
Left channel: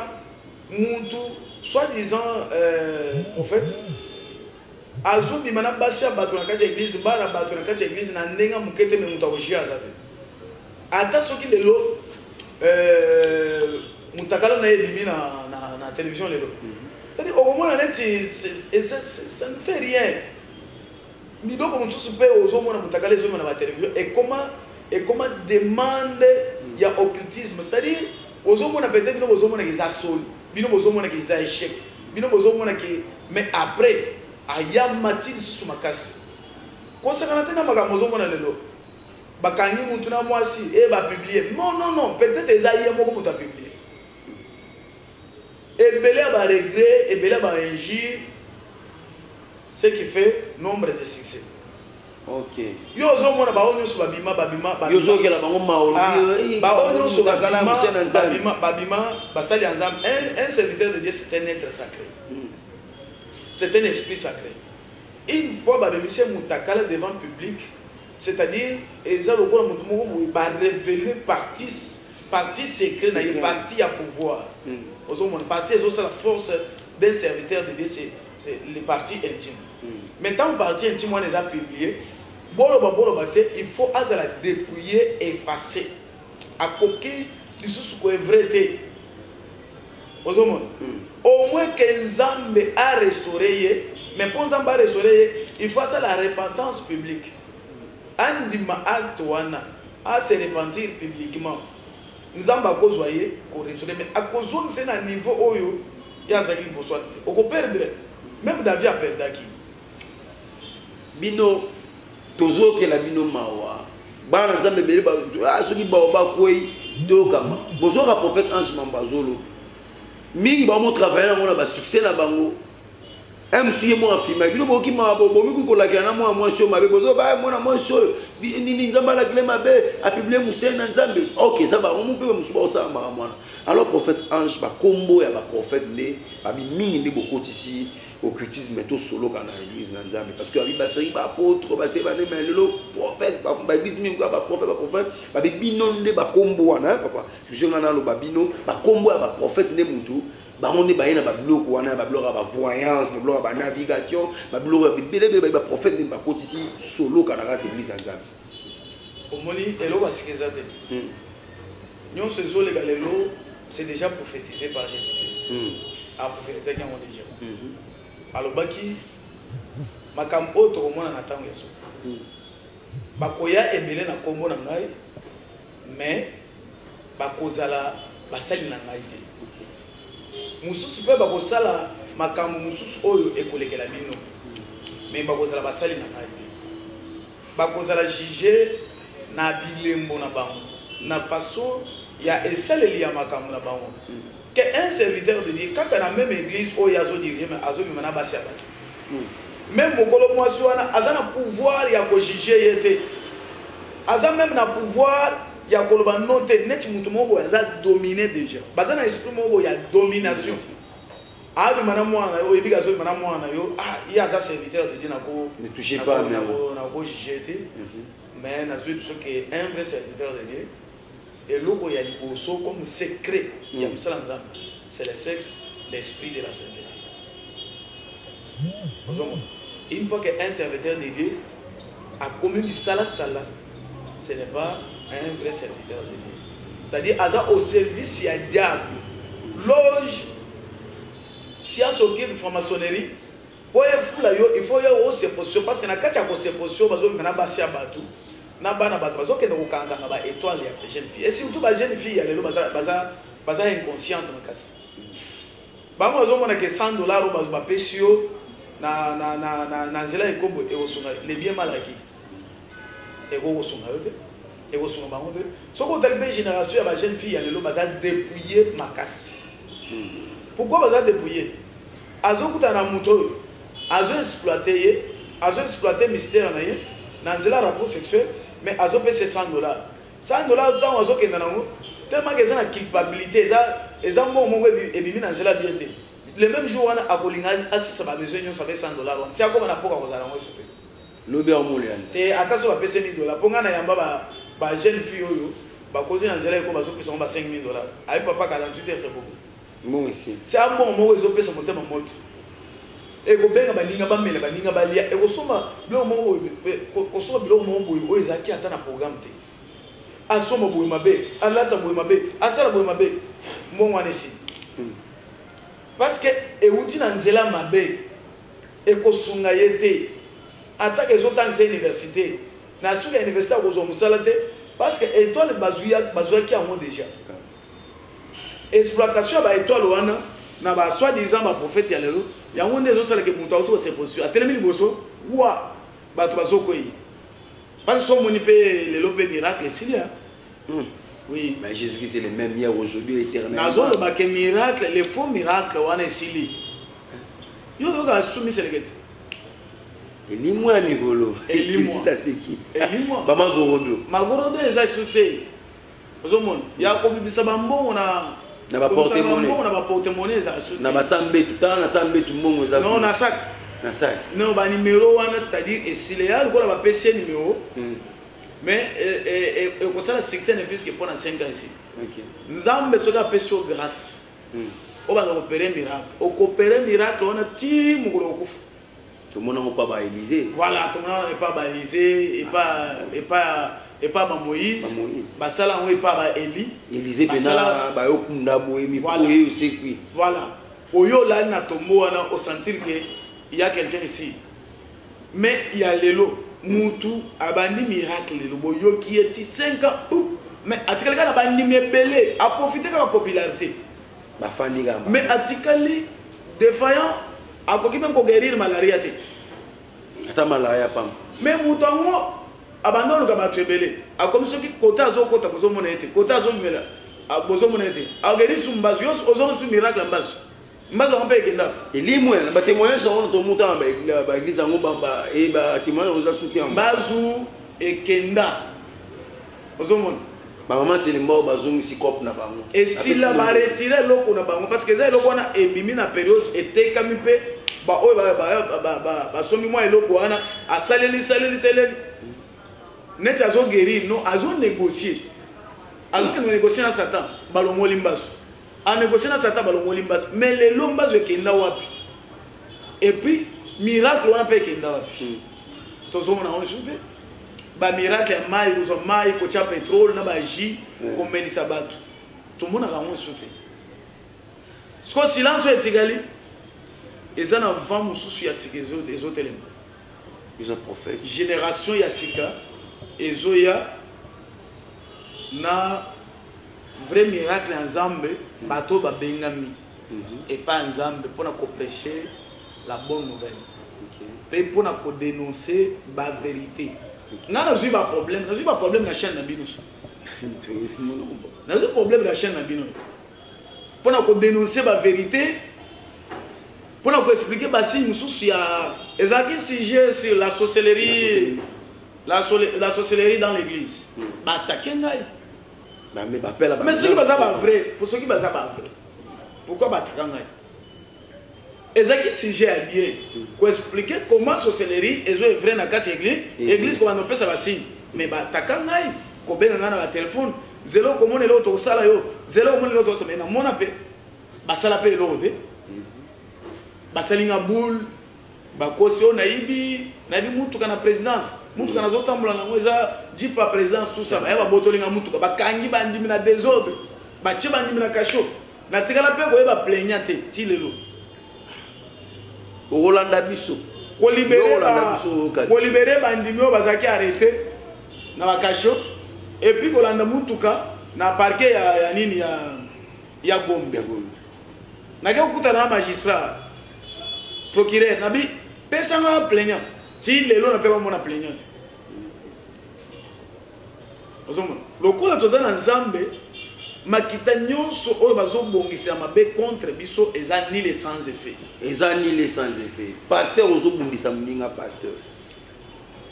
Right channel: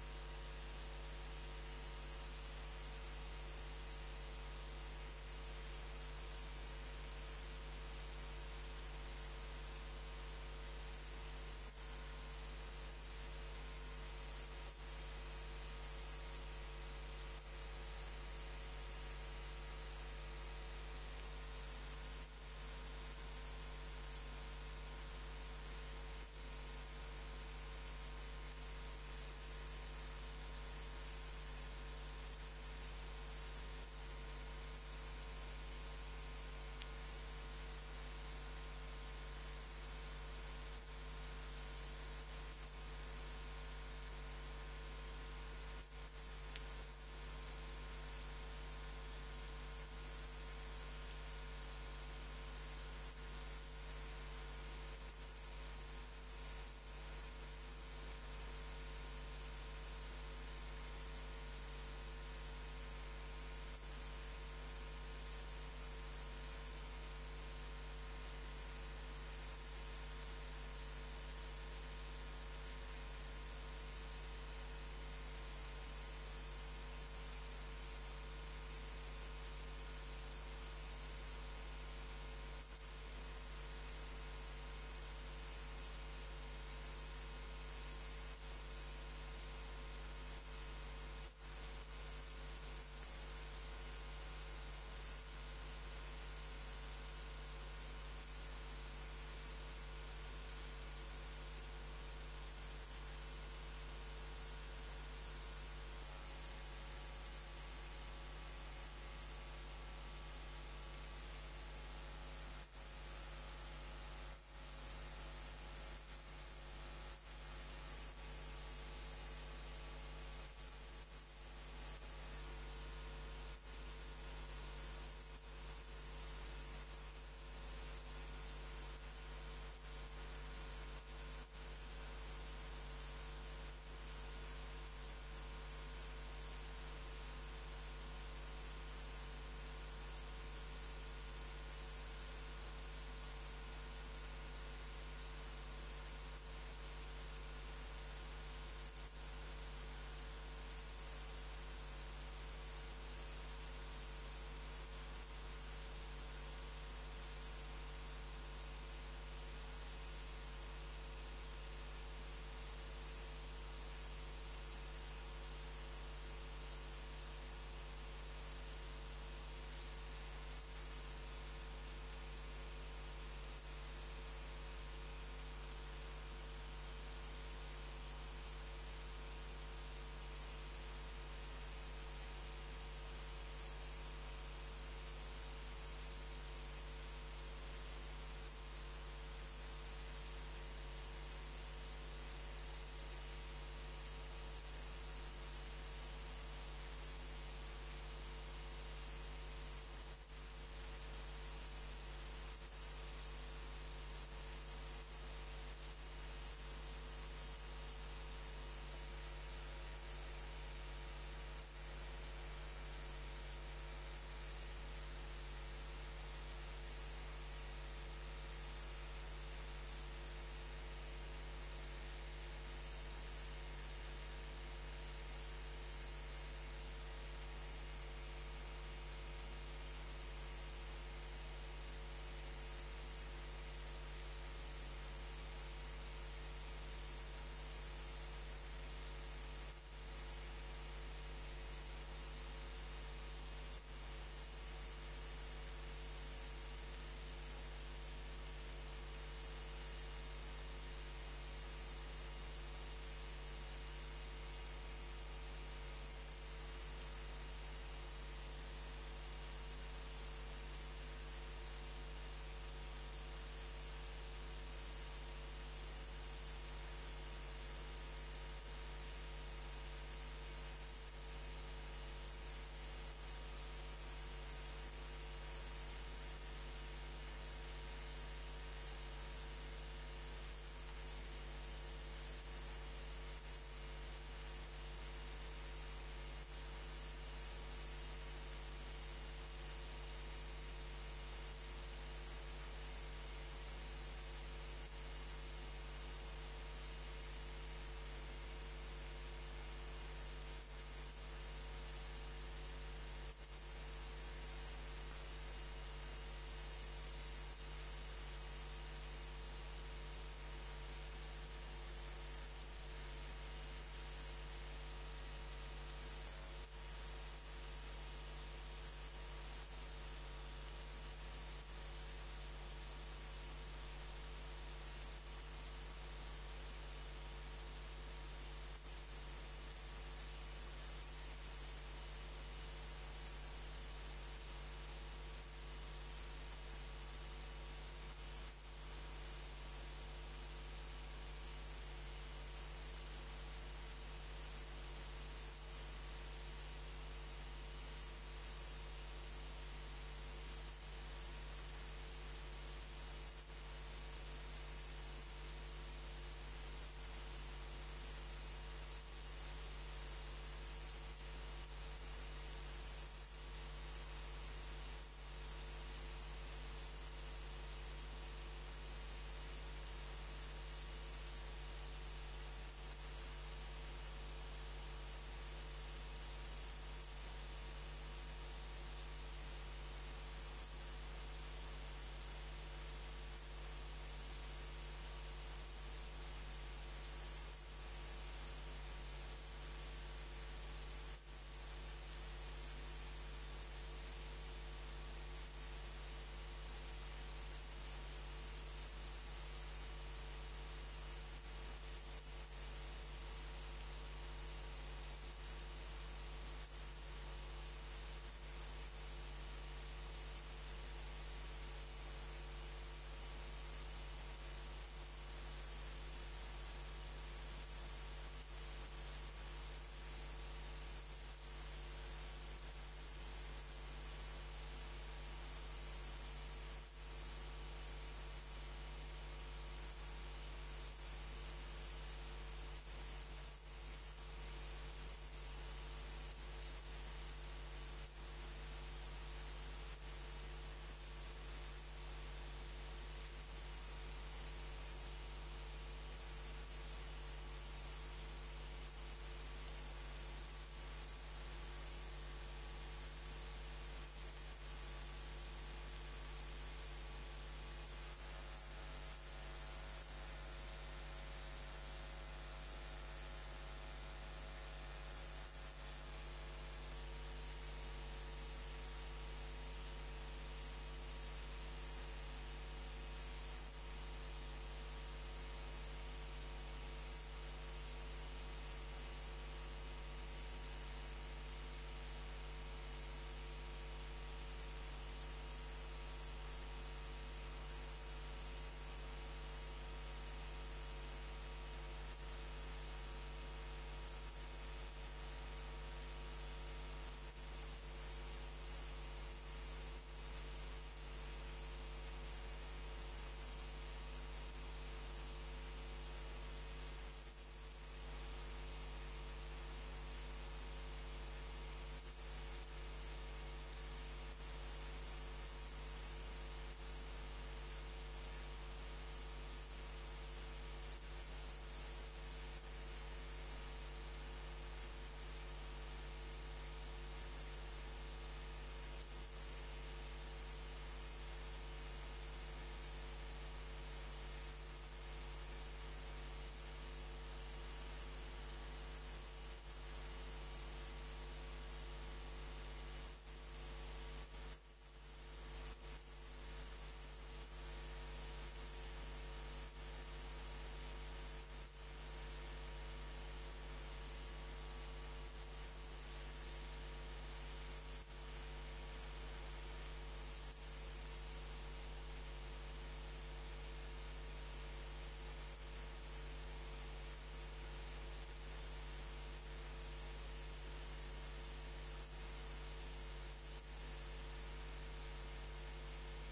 où, soi-disant, en fait, azo bimana basi abato na kati ya église bana bato na kati ya église na ndenga mukete me mutawojia azate ata soki lelo mutakala na yebimi na télévision lelo c'est-à-dire au moment neti ça ne fait rien midoko mususu pe ozomona mutakala ezo na télévision et comment demande ya occultisme, c'est-à-dire ozomona peut-être bino ozomona ki za sol bino ozomona ki za échec bino ozomona ki mais après aya matini susu makasi kosakana tena makambo ozomona lelo bakangi mutu na mwasi ba publier non peut-être ezaye moko mutu a publier ebele ba regret ebele ba injure, ce qui fait nombre de succès. OK. Yo ozomona ba onyo so babima yo zokela bango maolo ba onyo so babima basali ensemble. Un serviteur de Dieu, c'est un être sacré. C'est un esprit sacré. Une fois, monsieur Moutakala devant le public, c'est-à-dire, ils ont révélé partie secrète, partie à pouvoir. Partie, c'est la force d'un serviteur de Dieu, c'est les parties intimes. Maintenant, partie intime, on les a publiées. Il faut la dépouiller, effacer. À côté, il faut que vrai. Au moins que Nzambe a restauré, mais pour Nzambe a restauré, il faut ça la repentance publique. Andima acte wana a se repentir publiquement. Nzambe a cause voyé qu'on restaure, mais à cause où c'est un niveau oyo, il y a ça qui peut soit. On peut perdre, même David a perdu qui. Bino, toujours que la bino mawa. Bana Nzambe beli ba, ceux qui ba koi dokama. Bonjour à prophète Ange Mambazolo. Mingi ba mo travailler na ba succès na bango. MC mo afima bino boki ma bo mi ko la kana mo show mabe bozo ba mo na mo show ni Nzamba la kile mabe a publier Moussa na Nzambe. OK, ça va on peut musuba ça ma mwana. Alors prophète Ange ba kombo ya ba prophète ne ba mingi ndi bokoti ici occultisme to solo kana église na Nzambe parce que abi ba seri ba apôtre ba seri ba ne melelo prophète ba bismi ko ba prophète ba binonde ba kombo wana papa je suis ngana lo ba bino ba kombo ya ba prophète ne mutu ba on ne ba yena ba bloko wana ba bloko ba voyance ba bloko ba navigation ba bloko ba prophète ne ba koti ici solo kana ka église na Nzambe omoni elo ba sikizate nyon se zo le galelo c'est déjà prophétisé par Jésus-Christ a prophétisé qui ont déjà alobaki makambo to komona na tango yeso bakoya ebele na kombo na ngai mais bakozala basali na ngai te mususu pe bakosala makambo mususu oyo ekolekela bino mais bakozala basali na ngai te bakozala juger na bilembo na bango na façon ya esaleli ya makambo na bango que un serviteur de Dieu, quand on a même église, où il y a dirigé, mais azo bimana basi abaki. Même mokolo mwasi wana, aza na pouvoir ya ko juger yete. Aza même na pouvoir ya ko loba note net mutu moko aza dominer déjà. Baza na esprit moko ya domination. Ah bimana mwana yo ebika zo bimana mwana yo, il y a ça serviteur de Dieu na ko ne touchez pas na ko juger yete. Mais na zo ce que un vrai serviteur de Dieu et l'autre il y a comme secret c'est le sexe, l'esprit de la sainteté. Une fois qu'un serviteur de Dieu a commis du salat, ce n'est pas un vrai serviteur de Dieu. C'est-à-dire au service il y a diable, loge, si il y a sorti de franc-maçonnerie, il faut y avoir ces positions parce que dans le cas de ces positions, il y a des na bana bato bazoke na kokanga ba étoile ya jeune fille et surtout ba jeune fille ya lelo baza inconsciente makasi ba mo azomona que $100 ba pesio na nzela ekombo e osunga les bien malaki e go osunga yote e go osunga bango de soko talbe génération ya ba jeune fille ya lelo baza dépouiller makasi. Pourquoi baza dépouiller azokuta na muto azo exploiter mystère na ye nanzela rapport sexuel mais azo pese $100 $100 tant azo kenda nango tellement que ça na culpabilité eza mo mo ebimi nanzela bien te le même jour wana akolinga asisa ba besoin nyo ça fait $100 wana tia ko na poka kozala ngo sote lobi en molian te akaso ba pese $1000 ponga na yamba ba jeune fille oyo ba kozi nanzela ko bazo pesa ba $5000 ay papa 48 heures c'est beaucoup bon ici c'est un bon moment ezo pesa motema moto et ko benga balinga ba mela balinga ba lia e ko soma bilo mo ko soma bilo mo boy o ezaki ata na programme te asoma boy mabe alata boy mabe asala boy mabe mbongo anesi parce que e uti na nzela mabe e ko sunga yete ata ke zotangisa université na suka université ko zo musala te parce que étoile bazuya ki amo déjà exploitation ba étoile wana na ba soi-disant ba prophète ya lelo yango nde zo sala ke mutu auto se position atelemi liboso wa bato bazokoyi parce que so moni pe lelo pe miracle silia oui mais Jésus-Christ est le même hier aujourd'hui éternellement nazo le ba ke miracle les faux miracles wana sili yo ga sumi selekete elimwa mikolo elimwa ça c'est qui elimwa maman gorodo magorodo eza soute ozomona ya ko bibisa bambongo na ba porte-monnaie na ba porte-monnaie eza soute na ba sambe tout temps na sambe tout mbongo eza non na sac non ba numéro wana c'est-à-dire esiléal ko la ba PC numéro mais et ko ça la succès ne fils que pendant 5 ans ici OK nzambe soka peso grâce o ba opérer miracle o coopérer miracle on a ti mugolo okufu tout le monde n'a pas Élysée voilà tout le monde n'est pas Élysée et pas ba Moïse ba sala on est pas ba Élie Élysée pena ba yokunda boyemi boye aussi voilà oyo là na tombo wana au sentir que il y a quelqu'un ici mais il y a lelo mutu abandi miracle lelo boyo qui est 5 ans mais atikali kana bandi mebele a profiter de la popularité ba fandi gamba mais atikali défaillant akoki même ko guérir malaria te ata malaria pam mais mutango abandonne ka battu ebele akomi soki kota azokota kozomona ete kota azomela bozomona ete ageri sumbazo yos ozo su miracle mbazo mbazo on peut ekenda elimwe na ba témoignage on to muta ba église ngo ba e ba témoignage oza soutien mbazo ekenda ozomona ba maman c'est le mort bazongi si cop na bango et si la ba retirer loko na bango parce que ça loko na ebimi na période etekami pe ba oyo ba somi moi eloko wana asaleli net azo guérir non azo négocier négocier na Satan balongo limbaso a négocier na Satan balongo limbaso mais les lombazo ekenda wapi et puis miracle wana pe ekenda wapi tozo mona on soute ba miracle mai uzo mai ko cha pétrole na ba ji ko melisa bato to mona ka on soute sko silence etigali eza na vent mususu ya sikezo des autres éléments ils ont prophète génération ya sika ezoya na vrai miracle ensemble bato ba bengami et pas ensemble pour na prêcher la bonne nouvelle et pour na dénoncer la vérité na zui ba problème na chaîne na bino na zui problème na chaîne na bino pour na dénoncer la vérité pour nous expliquer bah si nous souci à ezaki sujet sur la sorcellerie la sorcellerie dans l'église bah attaquer ngai bah mais bah pela mais ceux qui baza pas vrai pour ceux qui baza pas vrai pourquoi bah attaquer ngai ezaki sujet à bien pour expliquer comment sorcellerie est vrai na kati église comment on peut ça va signe mais bah attaquer ngai ko benga ngana ba téléphone zéro comment le auto sala yo zéro comment le auto ça mais na mona pe ba sala pe lo de basalinga boule bakosi on naibi mutu kana présidence mutu kana zotambola nango eza jipa présidence tout ça ba botolinga mutu ba kangi bandimi na désordre ba che bandimi na kasho na tikala pe ko ba plaignante ti lelo Rolanda biso ko libérer bandimi o bazaki arrêté na ba kasho et puis ko landa mutuka na parquet ya nini ya Gombe na ke okuta na magistrat procureur nabi pesanga plaignant ti lelo na peba mona plaignant ozomona lokola tozana nzambe makita nyonso oyo bazobongisa mabe contre biso eza ni les sans effet pasteur ozobundisa mninga pasteur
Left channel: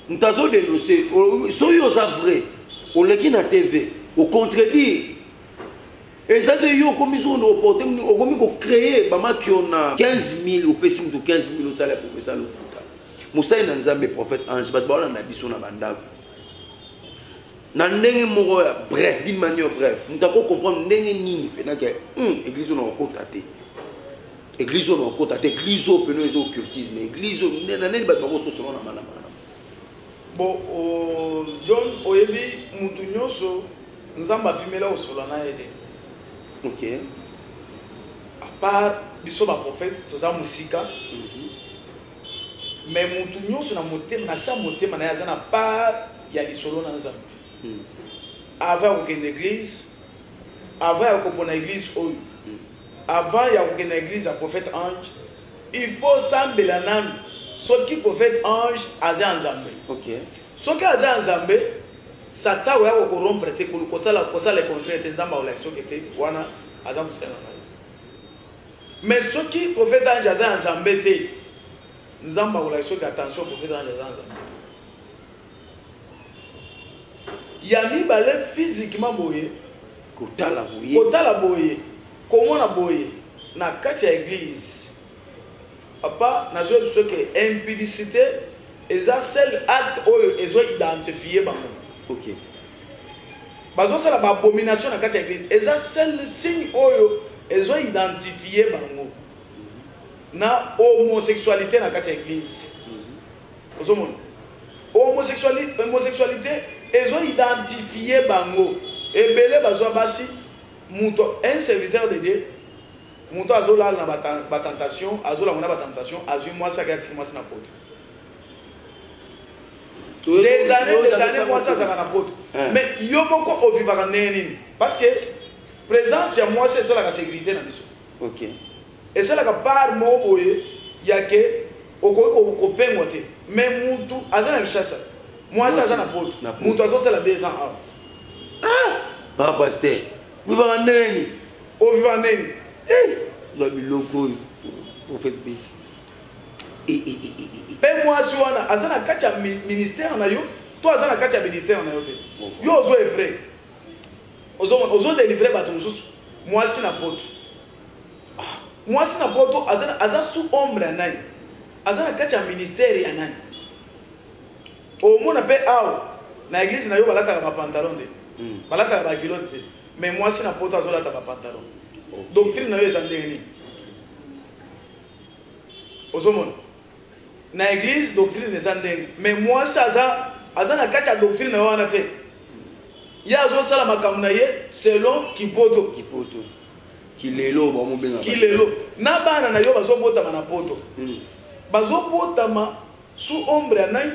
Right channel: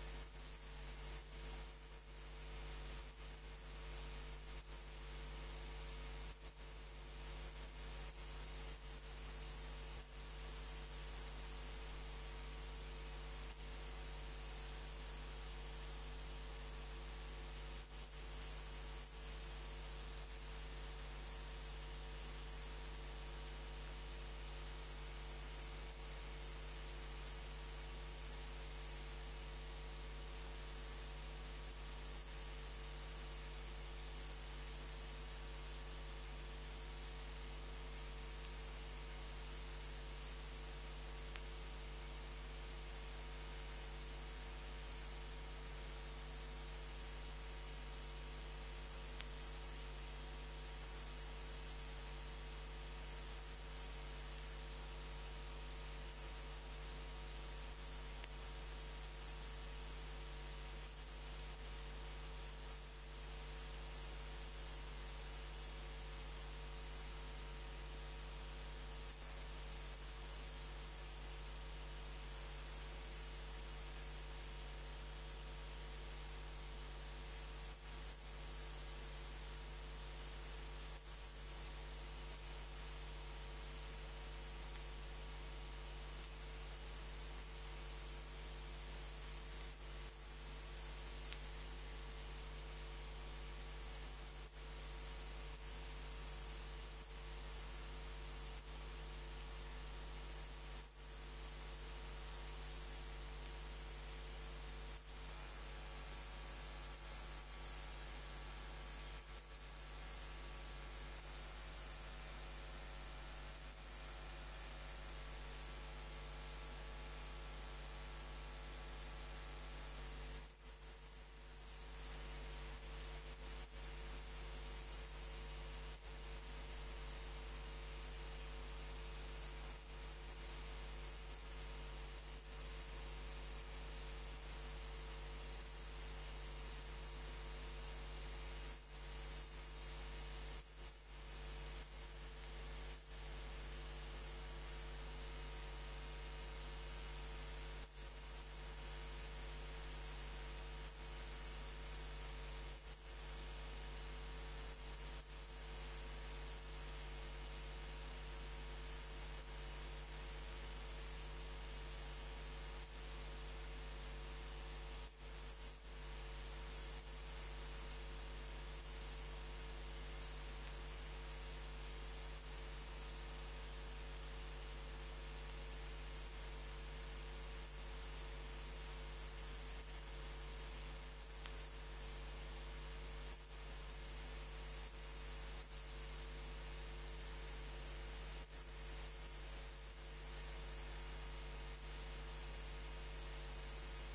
nous avons dénoncé, soyez vrai, on l'a dit dans la TV, au contredire. Et ça, comme ils ont reporté, on a créé, qui on a 15 000 ou 15 000 salaires pour faire ça. Moussa est dans un prophète ange, mais on a dit son abandon. Bref, d'une manière bref, nous avons comprendre que l'église n'a pas côté. L'église n'a pas côté. L'église n'a pas occultisme. L'église n'a pas côté. Bon, John, oyebi mutu nyonso nzamba pimela osolana ede. Ok. À part biso ba prophète, toza musika. Mais mutu nyonso na motema na sa motema na yazana part ya lisolo na nzambe. Avant aucune église, avant aucune église, avant il y a aucune église à prophète ange, il faut sembler nan ce qui prophète ange aza nzambe. Ok. Ce qui aza nzambe, Satan va corrompre te kosa le contraire te nzamba ou l'action qui était wana aza musala. Mais ce qui prophète ange aza nzambe te nzamba ou l'action qui attention prophète ange aza nzambe. Yami balé physiquement boye kotala boye komona boye na kati ya église papa na zo biso ke impudicité eza seul acte oyo ezo identifier bango. OK. Bazo sala ba abomination na kati ya église eza seul signe oyo ezo identifier bango na homosexualité na kati ya église. Ozomona homosexualité ils ont identifié bango et belé bazwa basi muto un serviteur de Dieu muto azola na batentation azola na batentation azui moi ça gati moi na pote des années moi ça na pote mais yo moko o vivaka neni parce que présence ya moi c'est ça la sécurité na biso. OK. Et c'est la part mo boye ya ke ko pengo te mais mutu azana kishasa. Moi, ça, c'est la pote. Mon oiseau, c'est la 200 ans. Ah! Pas pasteur. Vous vivez en Neni. Vous vivez en Neni. Vous avez le logo. Vous faites bien. Et moi, si on a un ministère, toi, tu as un ministère. Yo, ozo est vrai. Ozo délivrer bateau. Moi, c'est la pote. Moi, c'est la pote. Aza sous ombre. Aza un ministère. Au monde appelle na église na yo balata ba pantalon de balata ba culotte mais moi si na poto azola ta ba pantalon doctrine na yo ezandeni ozomona na église doctrine ezandeni mais moi ça aza na kati ya doctrine na yo wana te ya azo sala makambo na ye selon kipoto kilelo ba mo benga kilelo na bana na yo bazobotama na poto bazobotama sous ombre ya nai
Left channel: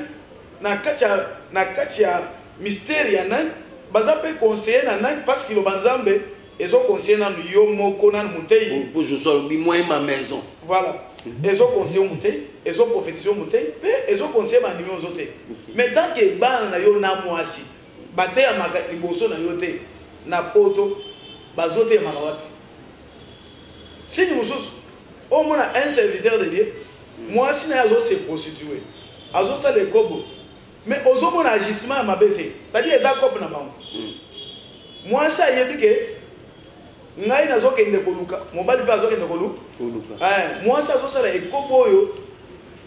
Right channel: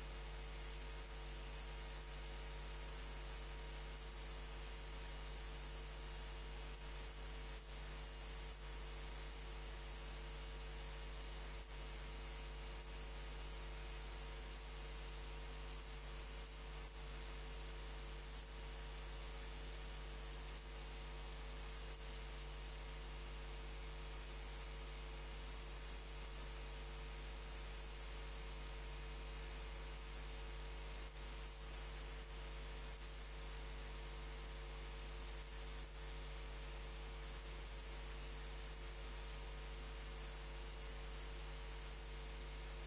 na katia mystère ya nan baza pe conseiller na nan parce que le banzambe ezo conseiller na yo moko na mutei pour je sois moi ma maison voilà ezo conseiller mutei ezo prophétiser mutei pe ezo conseiller ba ndimi ozote mais tant que bana na yo na mwasi bate ya maka liboso na yo te na poto bazote maka wapi si nous au moins un serviteur de Dieu moi si na azo se prostituer azo ça les kobo. Mais aux hommes on agissement à ma bête, c'est-à-dire les accords na bango. Moi ça y est dit que ngai na zo kende koluka, mobali pa zo kende koluka. Moi ça zo sala ekobo yo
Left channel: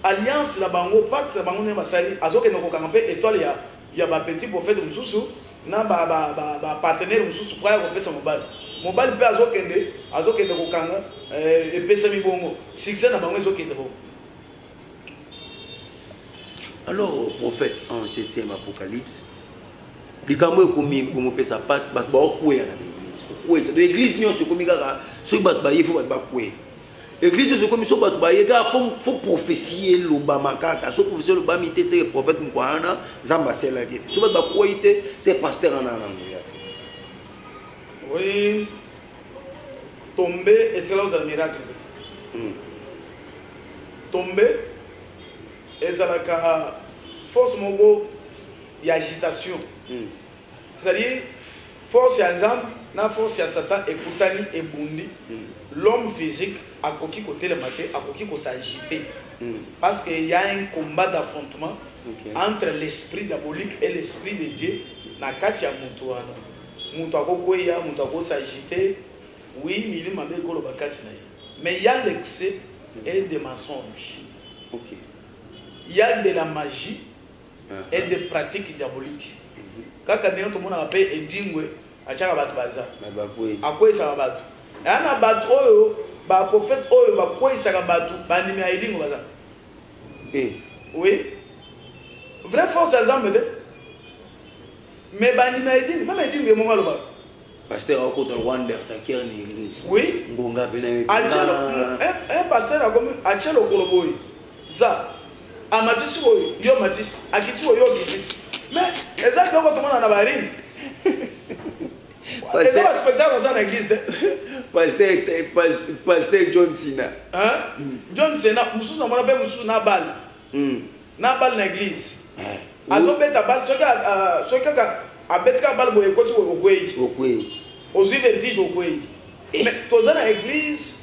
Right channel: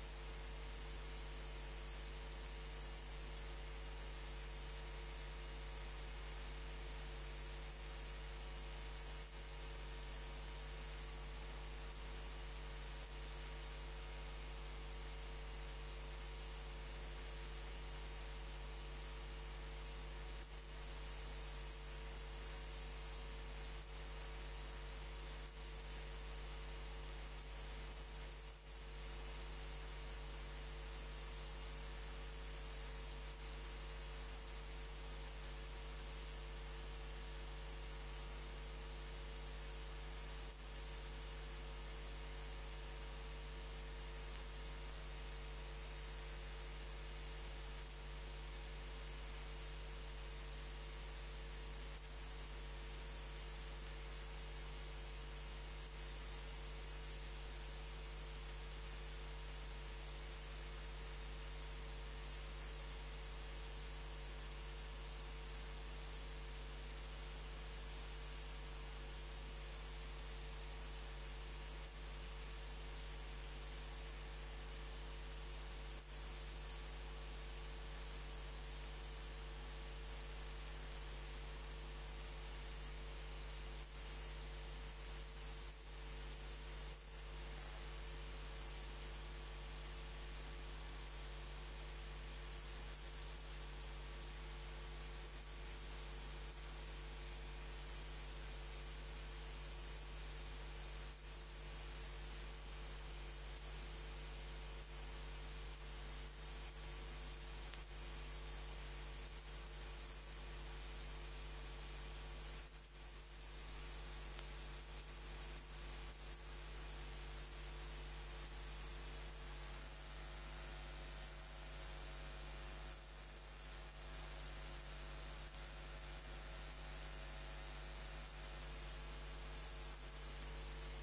alliance la bango pacte la bango ne basali azo kende ko kampe étoile ya ba petit prophète mususu na ba partenaire mususu kwa ko pesa mobali. Mobali pa zo kende ko kanga e pesa mi bongo. Succès na bango zo kende bongo. Alors, prophète, en 7e Apocalypse, les gamins comme ça passe, ils vont courir dans l'église. L'église, c'est comme ça, ceux qui battent, il faut courir. L'église, c'est comme ça, il faut prophétier l'Obama, il faut prophétier l'Obama, c'est le prophète Mouana, Zamba, c'est la vie. Si vous battent, c'est le pasteur en Anam. Oui, tomber est là un miracle. Tomber. Et ça la force mongo y agitation. C'est-à-dire force ya nzambe na force ya Satan ekutani ebundi. L'homme physique a coquille côté le matin a coquille ko s'agiter parce qu'il y a un combat d'affrontement entre l'esprit diabolique et l'esprit de Dieu na kati ya mutu wana mutu akokwea mutu akosagite oui milima mekolo bakati na ye mais il y a l'excès et des mensonges il y a de la magie et des pratiques diaboliques kaka ndenge tomona pe edingwe achaka bato baza akwesa bato yana bato oyo ba prophète oyo bakwesa bato banimi ya edingwe baza oui vrai force exemple de mais banimi ya edingwe même edingwe mo ngalo ba pasteur au côté Rwanda takier ni église oui ngonga bena achelo un pasteur a comme achelo koloboy za amatisi oyo yo matisi akiti oyo gitisi mais exact donc tout le monde en a barine et ça va spectacle dans l'église pasteur John Cena John Cena mususu na mona be mususu na balle dans l'église azobeta balle soki abetka balle boye koti okwei ozwi vertige okwei mais toza na église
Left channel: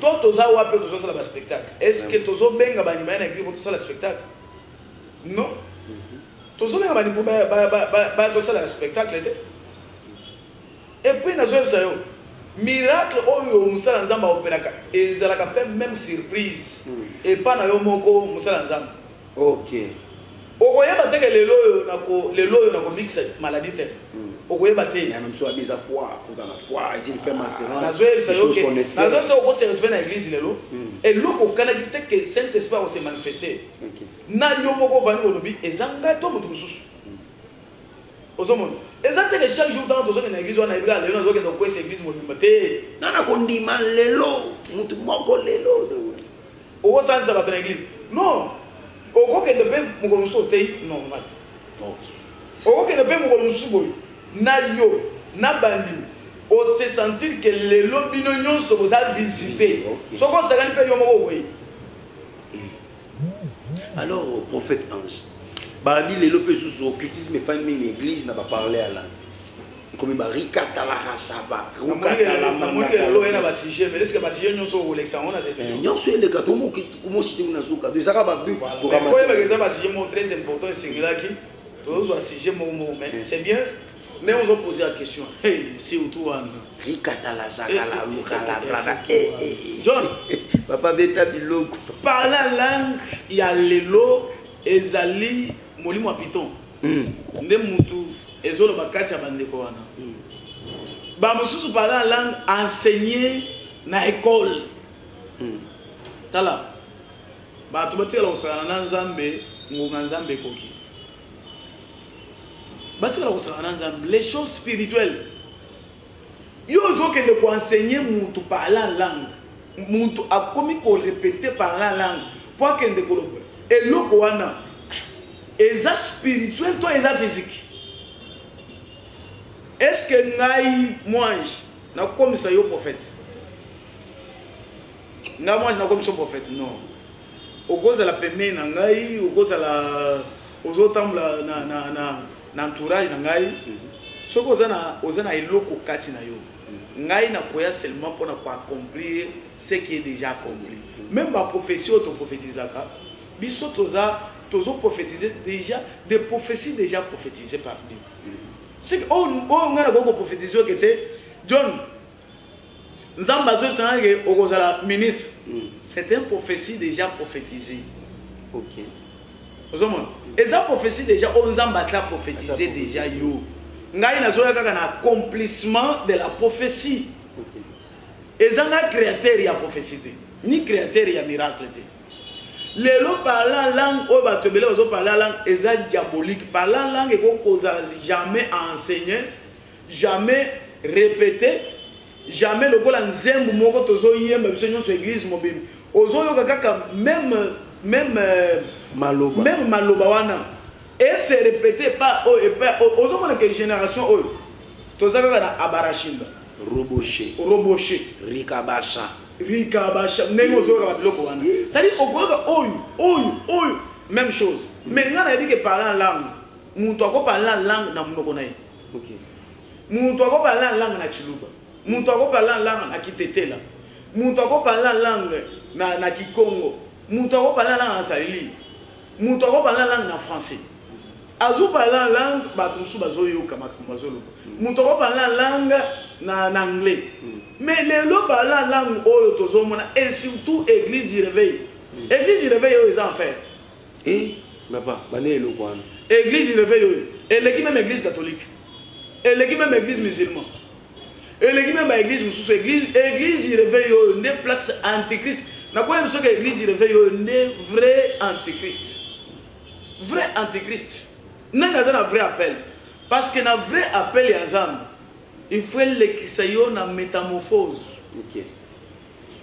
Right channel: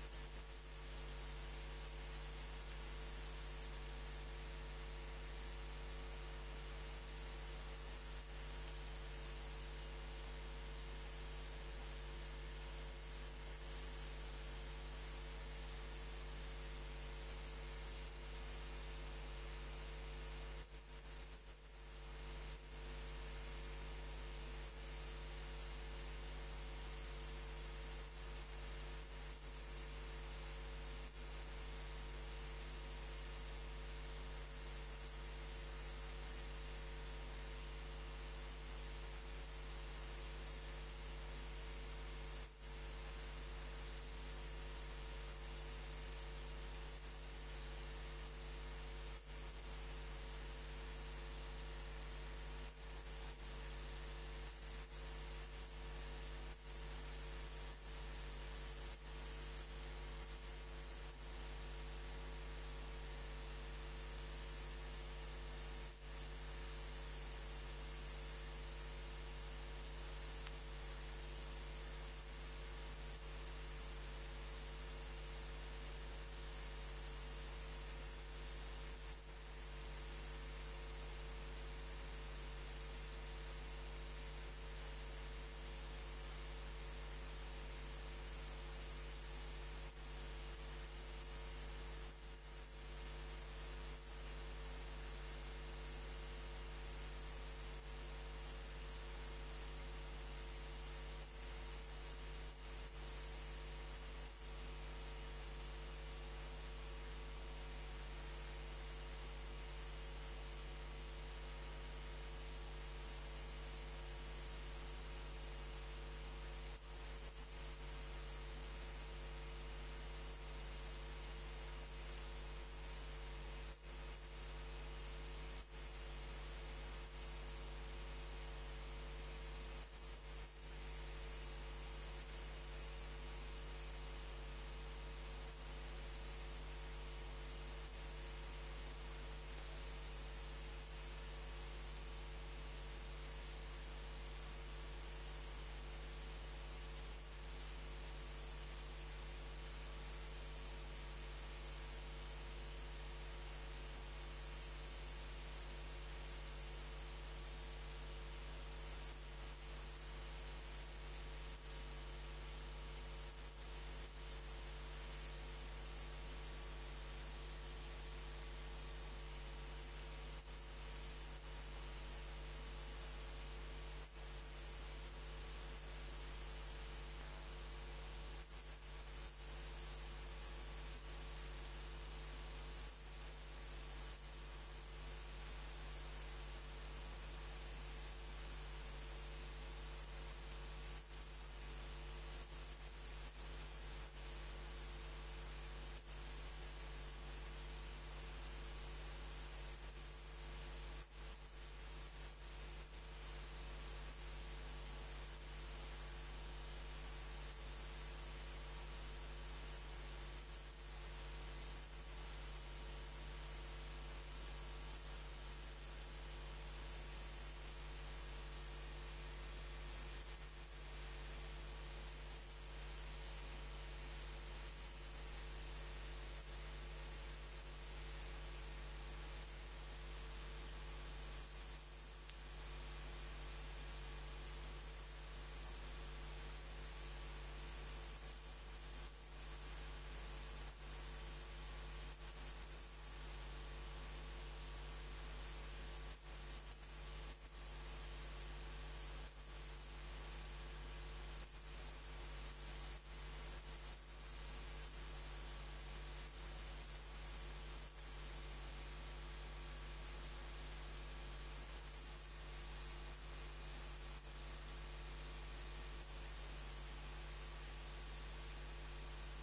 toza wapi tozosala ba spectacle est-ce que tozobenga banima na église tozosala spectacle non tozobenga bani po ba tosala spectacle et puis nazoyebisa yo miracle oyo musala nzambe aopelaka ezalaka mpe même surprise epa na yo moko musala nzambe okoyeba teke lelo oyo nakomikisa maladie te okoyeba te même so abisa foi pour la foi il fait ma séance nazoyebisa yo ke nazoyebisa yo se retrouver na église lelo eloko okanaki te ke saint esprit akose manifester na yo moko vani olobi ezanga to moto mosusu ozomona eza teke chaque jour dans tozokende na église wana ebika lelo nazokende kokwesa église mobimba te nana kondima lelo motu moko lelo okosanisa bato na église non okokende mpe mokolo mosusu otei normal okokende mpe mokolo mosusu boye na yo na bandimi ose sentir ke lelo bino nyonso boza visite soki osakani mpe yo moko boye alors prophète ange barabi lelo mpe susu occultisme efami na église na baparle à langue comme barikata la rasaba namoni lelo ena basije mais est-ce que basije nyonso okolekisa ngo na te nyonso eleka tomosite na suka ezaka babu foyebaka basije moko très important esengelaki tozozwa sujet moko mais c'est bien mais on se poser la question si autour wana rikata la jaka la luka la blada John papa beta biloko parler en langue ya lelo ezali molimo ya piton nde mutu ezoloba kati ya bandeko wana bamosusu parler en langue enseigner na école tala bato batikala kosakana na nzambe ngonga nzambe ekoki batikala kosakana na nzambe les choses spirituelles yo ozokende koenseigner mutu parler en langue mutu akomi korepete parler en langue po akende koloba eloko wana eza spirituel to eza physique est-ce que ngai mwange nakomisa yo prophète ngai mwange nakomisa yo prophète non okozala pembeni na ngai okozala ozotambola na entourage na ngai soki oza na eloko kati na yo ngai nakoya seulement mpona koaccomplir ce qui est déjà accompli même baprophétie oyo toprophétisaka biso tozoprophétiser déjà des prophéties déjà prophétisées par Dieu c'est que oyo ngai nakoki koprophétise oyo kete John nzambe azoyebisanga ke okozala ministre c'est une prophétie déjà prophétisée ozomona eza prophétie déjà oyo nzambe asala prophétise déjà yo ngai nazoya kaka na accomplissement de la prophétie eza nga créateur ya prophétie te ni créateur ya miracle te lelo parler en langue oyo bato ebele bazoparler en langue eza diabolique parler en langue ekokozala jamais enseigner jamais répéter jamais lokola nzembo moko tozoyemba biso nyonso église mobimba ozoyoka kaka même maloba wana et se répéter pas ozomona ke génération oyo toza kaka na abarashinga roboche rikabasha ndenge ozoyoka babiloko wana tadi okoyoka oyo même chose mais nga nayebi ke parler en langue mutu akoparler en langue na monoko na ye mutu akoparler en langue na chiluba mutu akoparler en langue na kitetela mutu akoparler en langue na kikongo mutu akoparler en langue na salili muto ko parler langue na français azu parler langue ba tusu bazoyo kama bazolo muto ko parler langue na anglais mais les lo parler langue oyo tozomona et surtout église du réveil ils en fait et papa bané lo kwana église du réveil et l'équipe même église catholique et l'équipe même église musulmane et l'équipe même église mususu église du réveil ne place antichrist na quoi que l'église du réveil ne vrai antichrist n'a pas vrai appel parce que na vrai appel ya nzambe il faut lekisa yo na métamorphose OK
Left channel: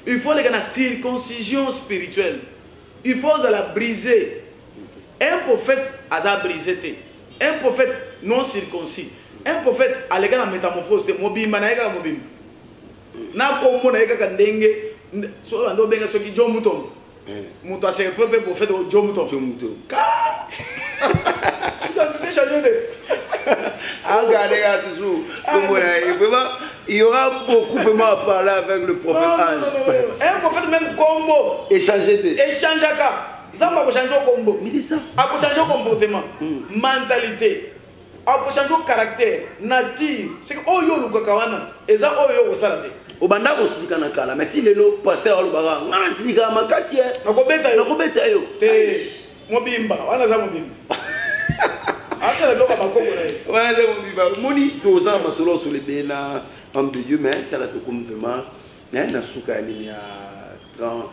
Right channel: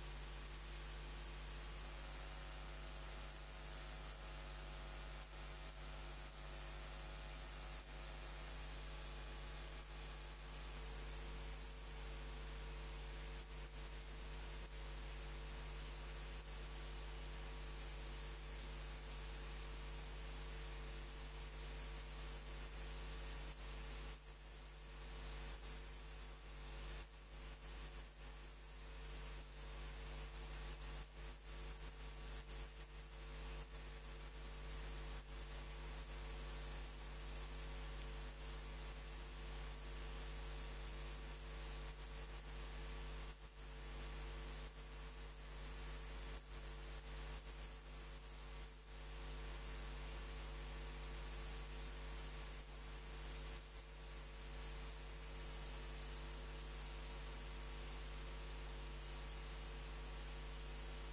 il faut la circoncision spirituelle il faut la briser un prophète a brisé un prophète non circoncis un prophète a la métamorphose de mobimba na eka mobimba na kombo na eka kandenge so ando benga so ki jomutom muto a se fait prophète jomutom ka regardez toujours il y aura beaucoup vraiment à parler avec le prophète Ange. Un prophète même combo échanger ça va changer au combo mais c'est ça a changer au comportement mentalité a changer au caractère nature c'est que oh yo luka kawana eza oh yo osala te obanda ko silika na kala mais ti lelo pasteur alobaka ngana silika makasi nakobeta yo te mobimba wana za mobimba asa le loka bakoko na wana za mobimba moni toza masolo sur les bena homme de Dieu mais tala to comme vraiment na suka ni ya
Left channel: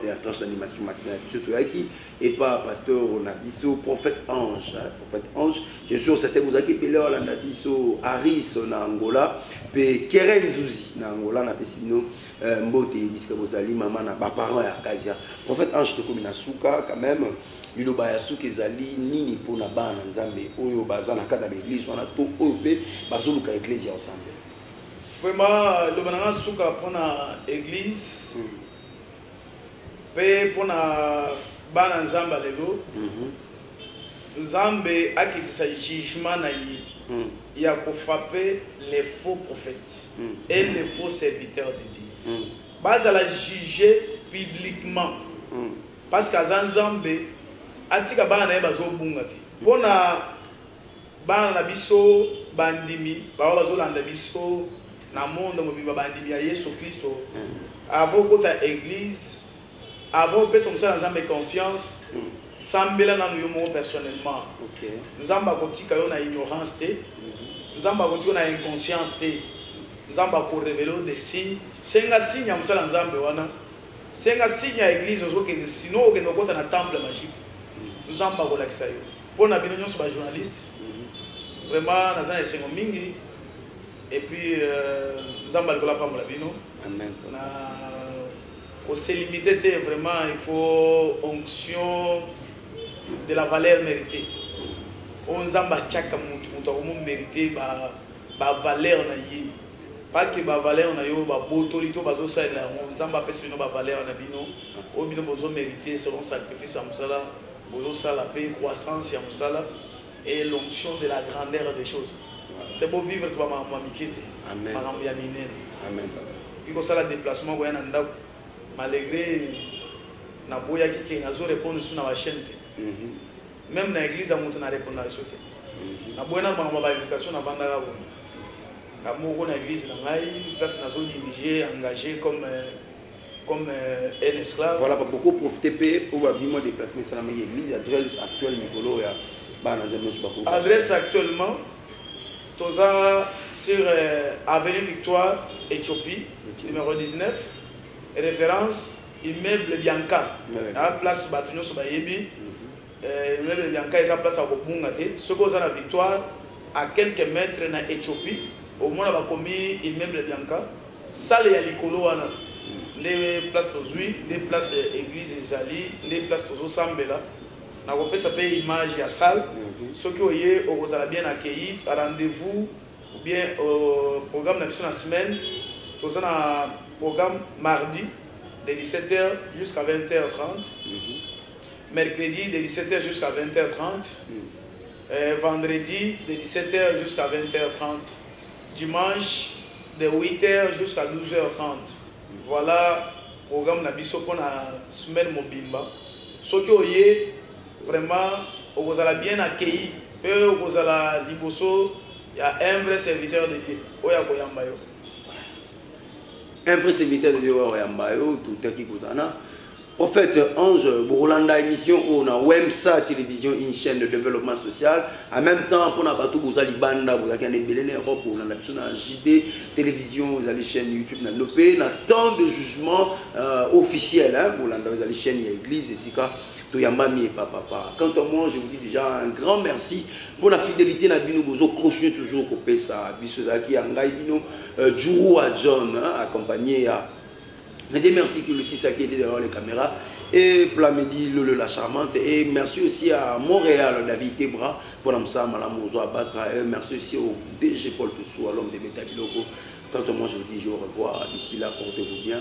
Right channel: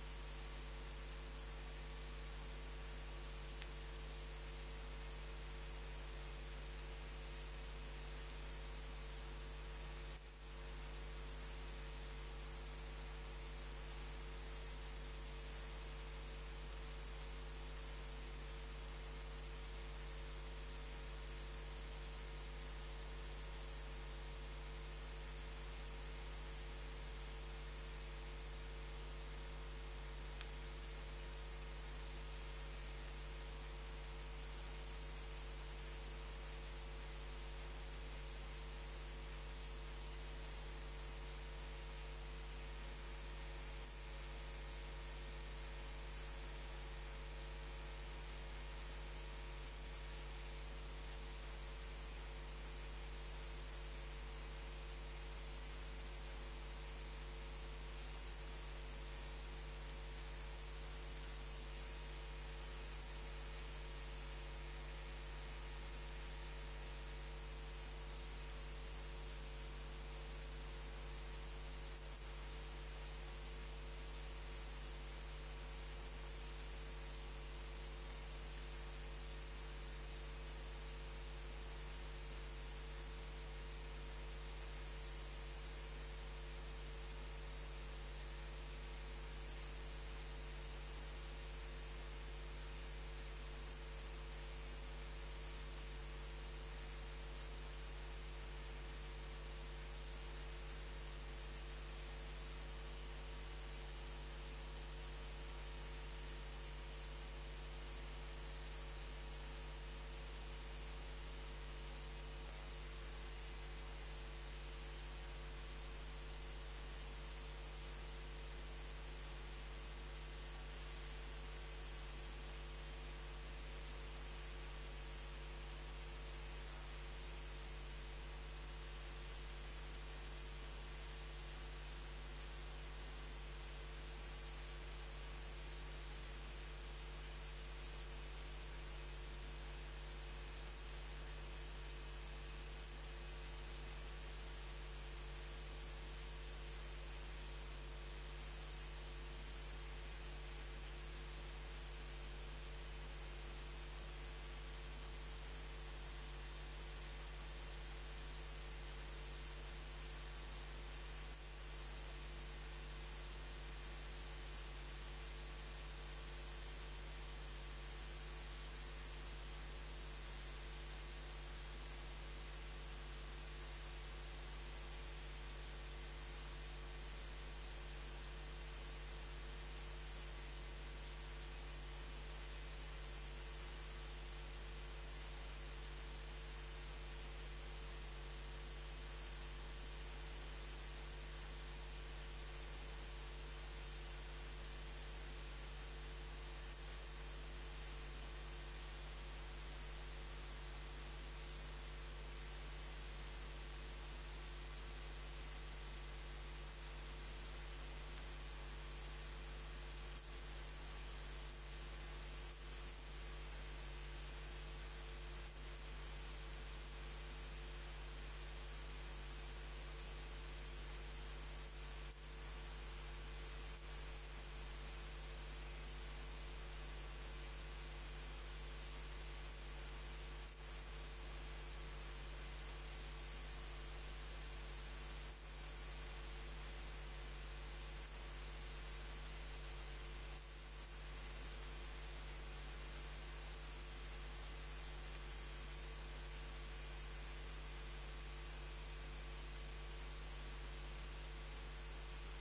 et à tranche d'animation matinale surtout qui et pas pasteur on a biso prophète ange je suis certain vous avez appelé là na biso Aris na Angola pe Keren Zuzi na Angola na pesino mbote biska bozali maman na ba parents ya Kazia prophète ange to comme na suka quand même liloba ya suka ezali nini pona bana nzambe oyo bazana kada l'église wana to oyo pe bazoluka église ensemble vraiment le banana suka pona église pe pona bana nzamba lelo nzambe akitisa jugement na yi ya ko frapper les faux prophètes et les faux serviteurs de Dieu base à la juger publiquement parce que nzambe atika bana na bazo bunga te pona bana na biso bandimi ba bazo landa biso na monde mobimba bandimi ya Yesu Kristo avant kota église avant que nous ayons confiance, Sambela na nous personnellement. Nzamba kotika yo na ignorance te, Nzamba kotika na inconscience te, Nzamba ko révéler des signes. Senga signe ya musala Nzambe wana. Senga signe ya église ozoke sinon okende kota na temple magique. Nzamba ko lakisa yo. Pona bino nyonso ba journaliste. Vraiment nazana esengo mingi et puis Nzamba likola pa mola bino. Amen. On s'est limité vraiment, il faut onction de la valeur méritée. On zamba chaka mutu mérité ba valeur na yi. Pas que ba valeur na yo ba botolito bazo sa la on zamba pesi no ba valeur na bino. O bino bozo mérité selon sacrifice à musala, bozo sa la paix croissance ya musala et l'onction de la grandeur des choses. C'est beau vivre toi ma mikete. Amen. Amen. Puis comme ça le déplacement ouais nanda malgré na boya qui na zo répondre sur na chaîne même na église à monter na répondre à ça na boya na ba invitation na banda ga bon na moko na église na ngai place na zo diriger engagé comme un esclave voilà pas beaucoup profiter pour babimo déplacer ça na église adresse actuelle Nicolo ya bana zemo sur beaucoup adresse actuellement toza sur avenue Victoire Éthiopie numéro 19 référence immeuble Bianca la place Batunyo Sobayebi immeuble Bianca est la place à Bobungate ce qu'on a la Victoire à quelques mètres na Éthiopie au moins on a commis immeuble Bianca salle ya likolo wana les places tozui les places église ezali les places tozo sambela na kopesa pe image ya salle ceux qui oye okozala bien accueilli rendez-vous ou bien programme na biso na semaine toza na programme mardi de 17h jusqu'à 20h30, mercredi de 17h jusqu'à 20h30, vendredi de 17h jusqu'à 20h30, dimanche de 8h jusqu'à 12h30. Voilà le programme Nabiso pour la semaine Mobimba. Ce qui est vraiment vous allez bien accueilli et vous allez liboso. Il y a un vrai serviteur de Dieu. Un vrai serviteur de Dieu, tout qui vous en a. En fait, Ange, Bourlanda émission, on a WEMSA télévision, une chaîne de développement social. En même temps, pour nous tout vous allez banda, vous avez des Europe, on a la JD télévision, vous avez chaîne YouTube, on a tant de jugements officiels. Bourlanda, vous avez chaîne église, et c'est ça. Toyambami et papa. Quant à moi, je vous dis déjà un grand merci pour la fidélité. Nous vous crochons toujours au PESA, Bissozaki, Angaï, Djourou à John, accompagné à. Je dis merci que Lucie Saki était derrière les caméras. Et Plamedi, Lolo la charmante. Et merci aussi à Montréal, David Tebra, pour l'Amsa, Malamozo Abatra. Et merci aussi au DG Paul Toussou, à l'homme de Métabiloko. Quant à moi, je vous dis au revoir. D'ici là, portez-vous bien.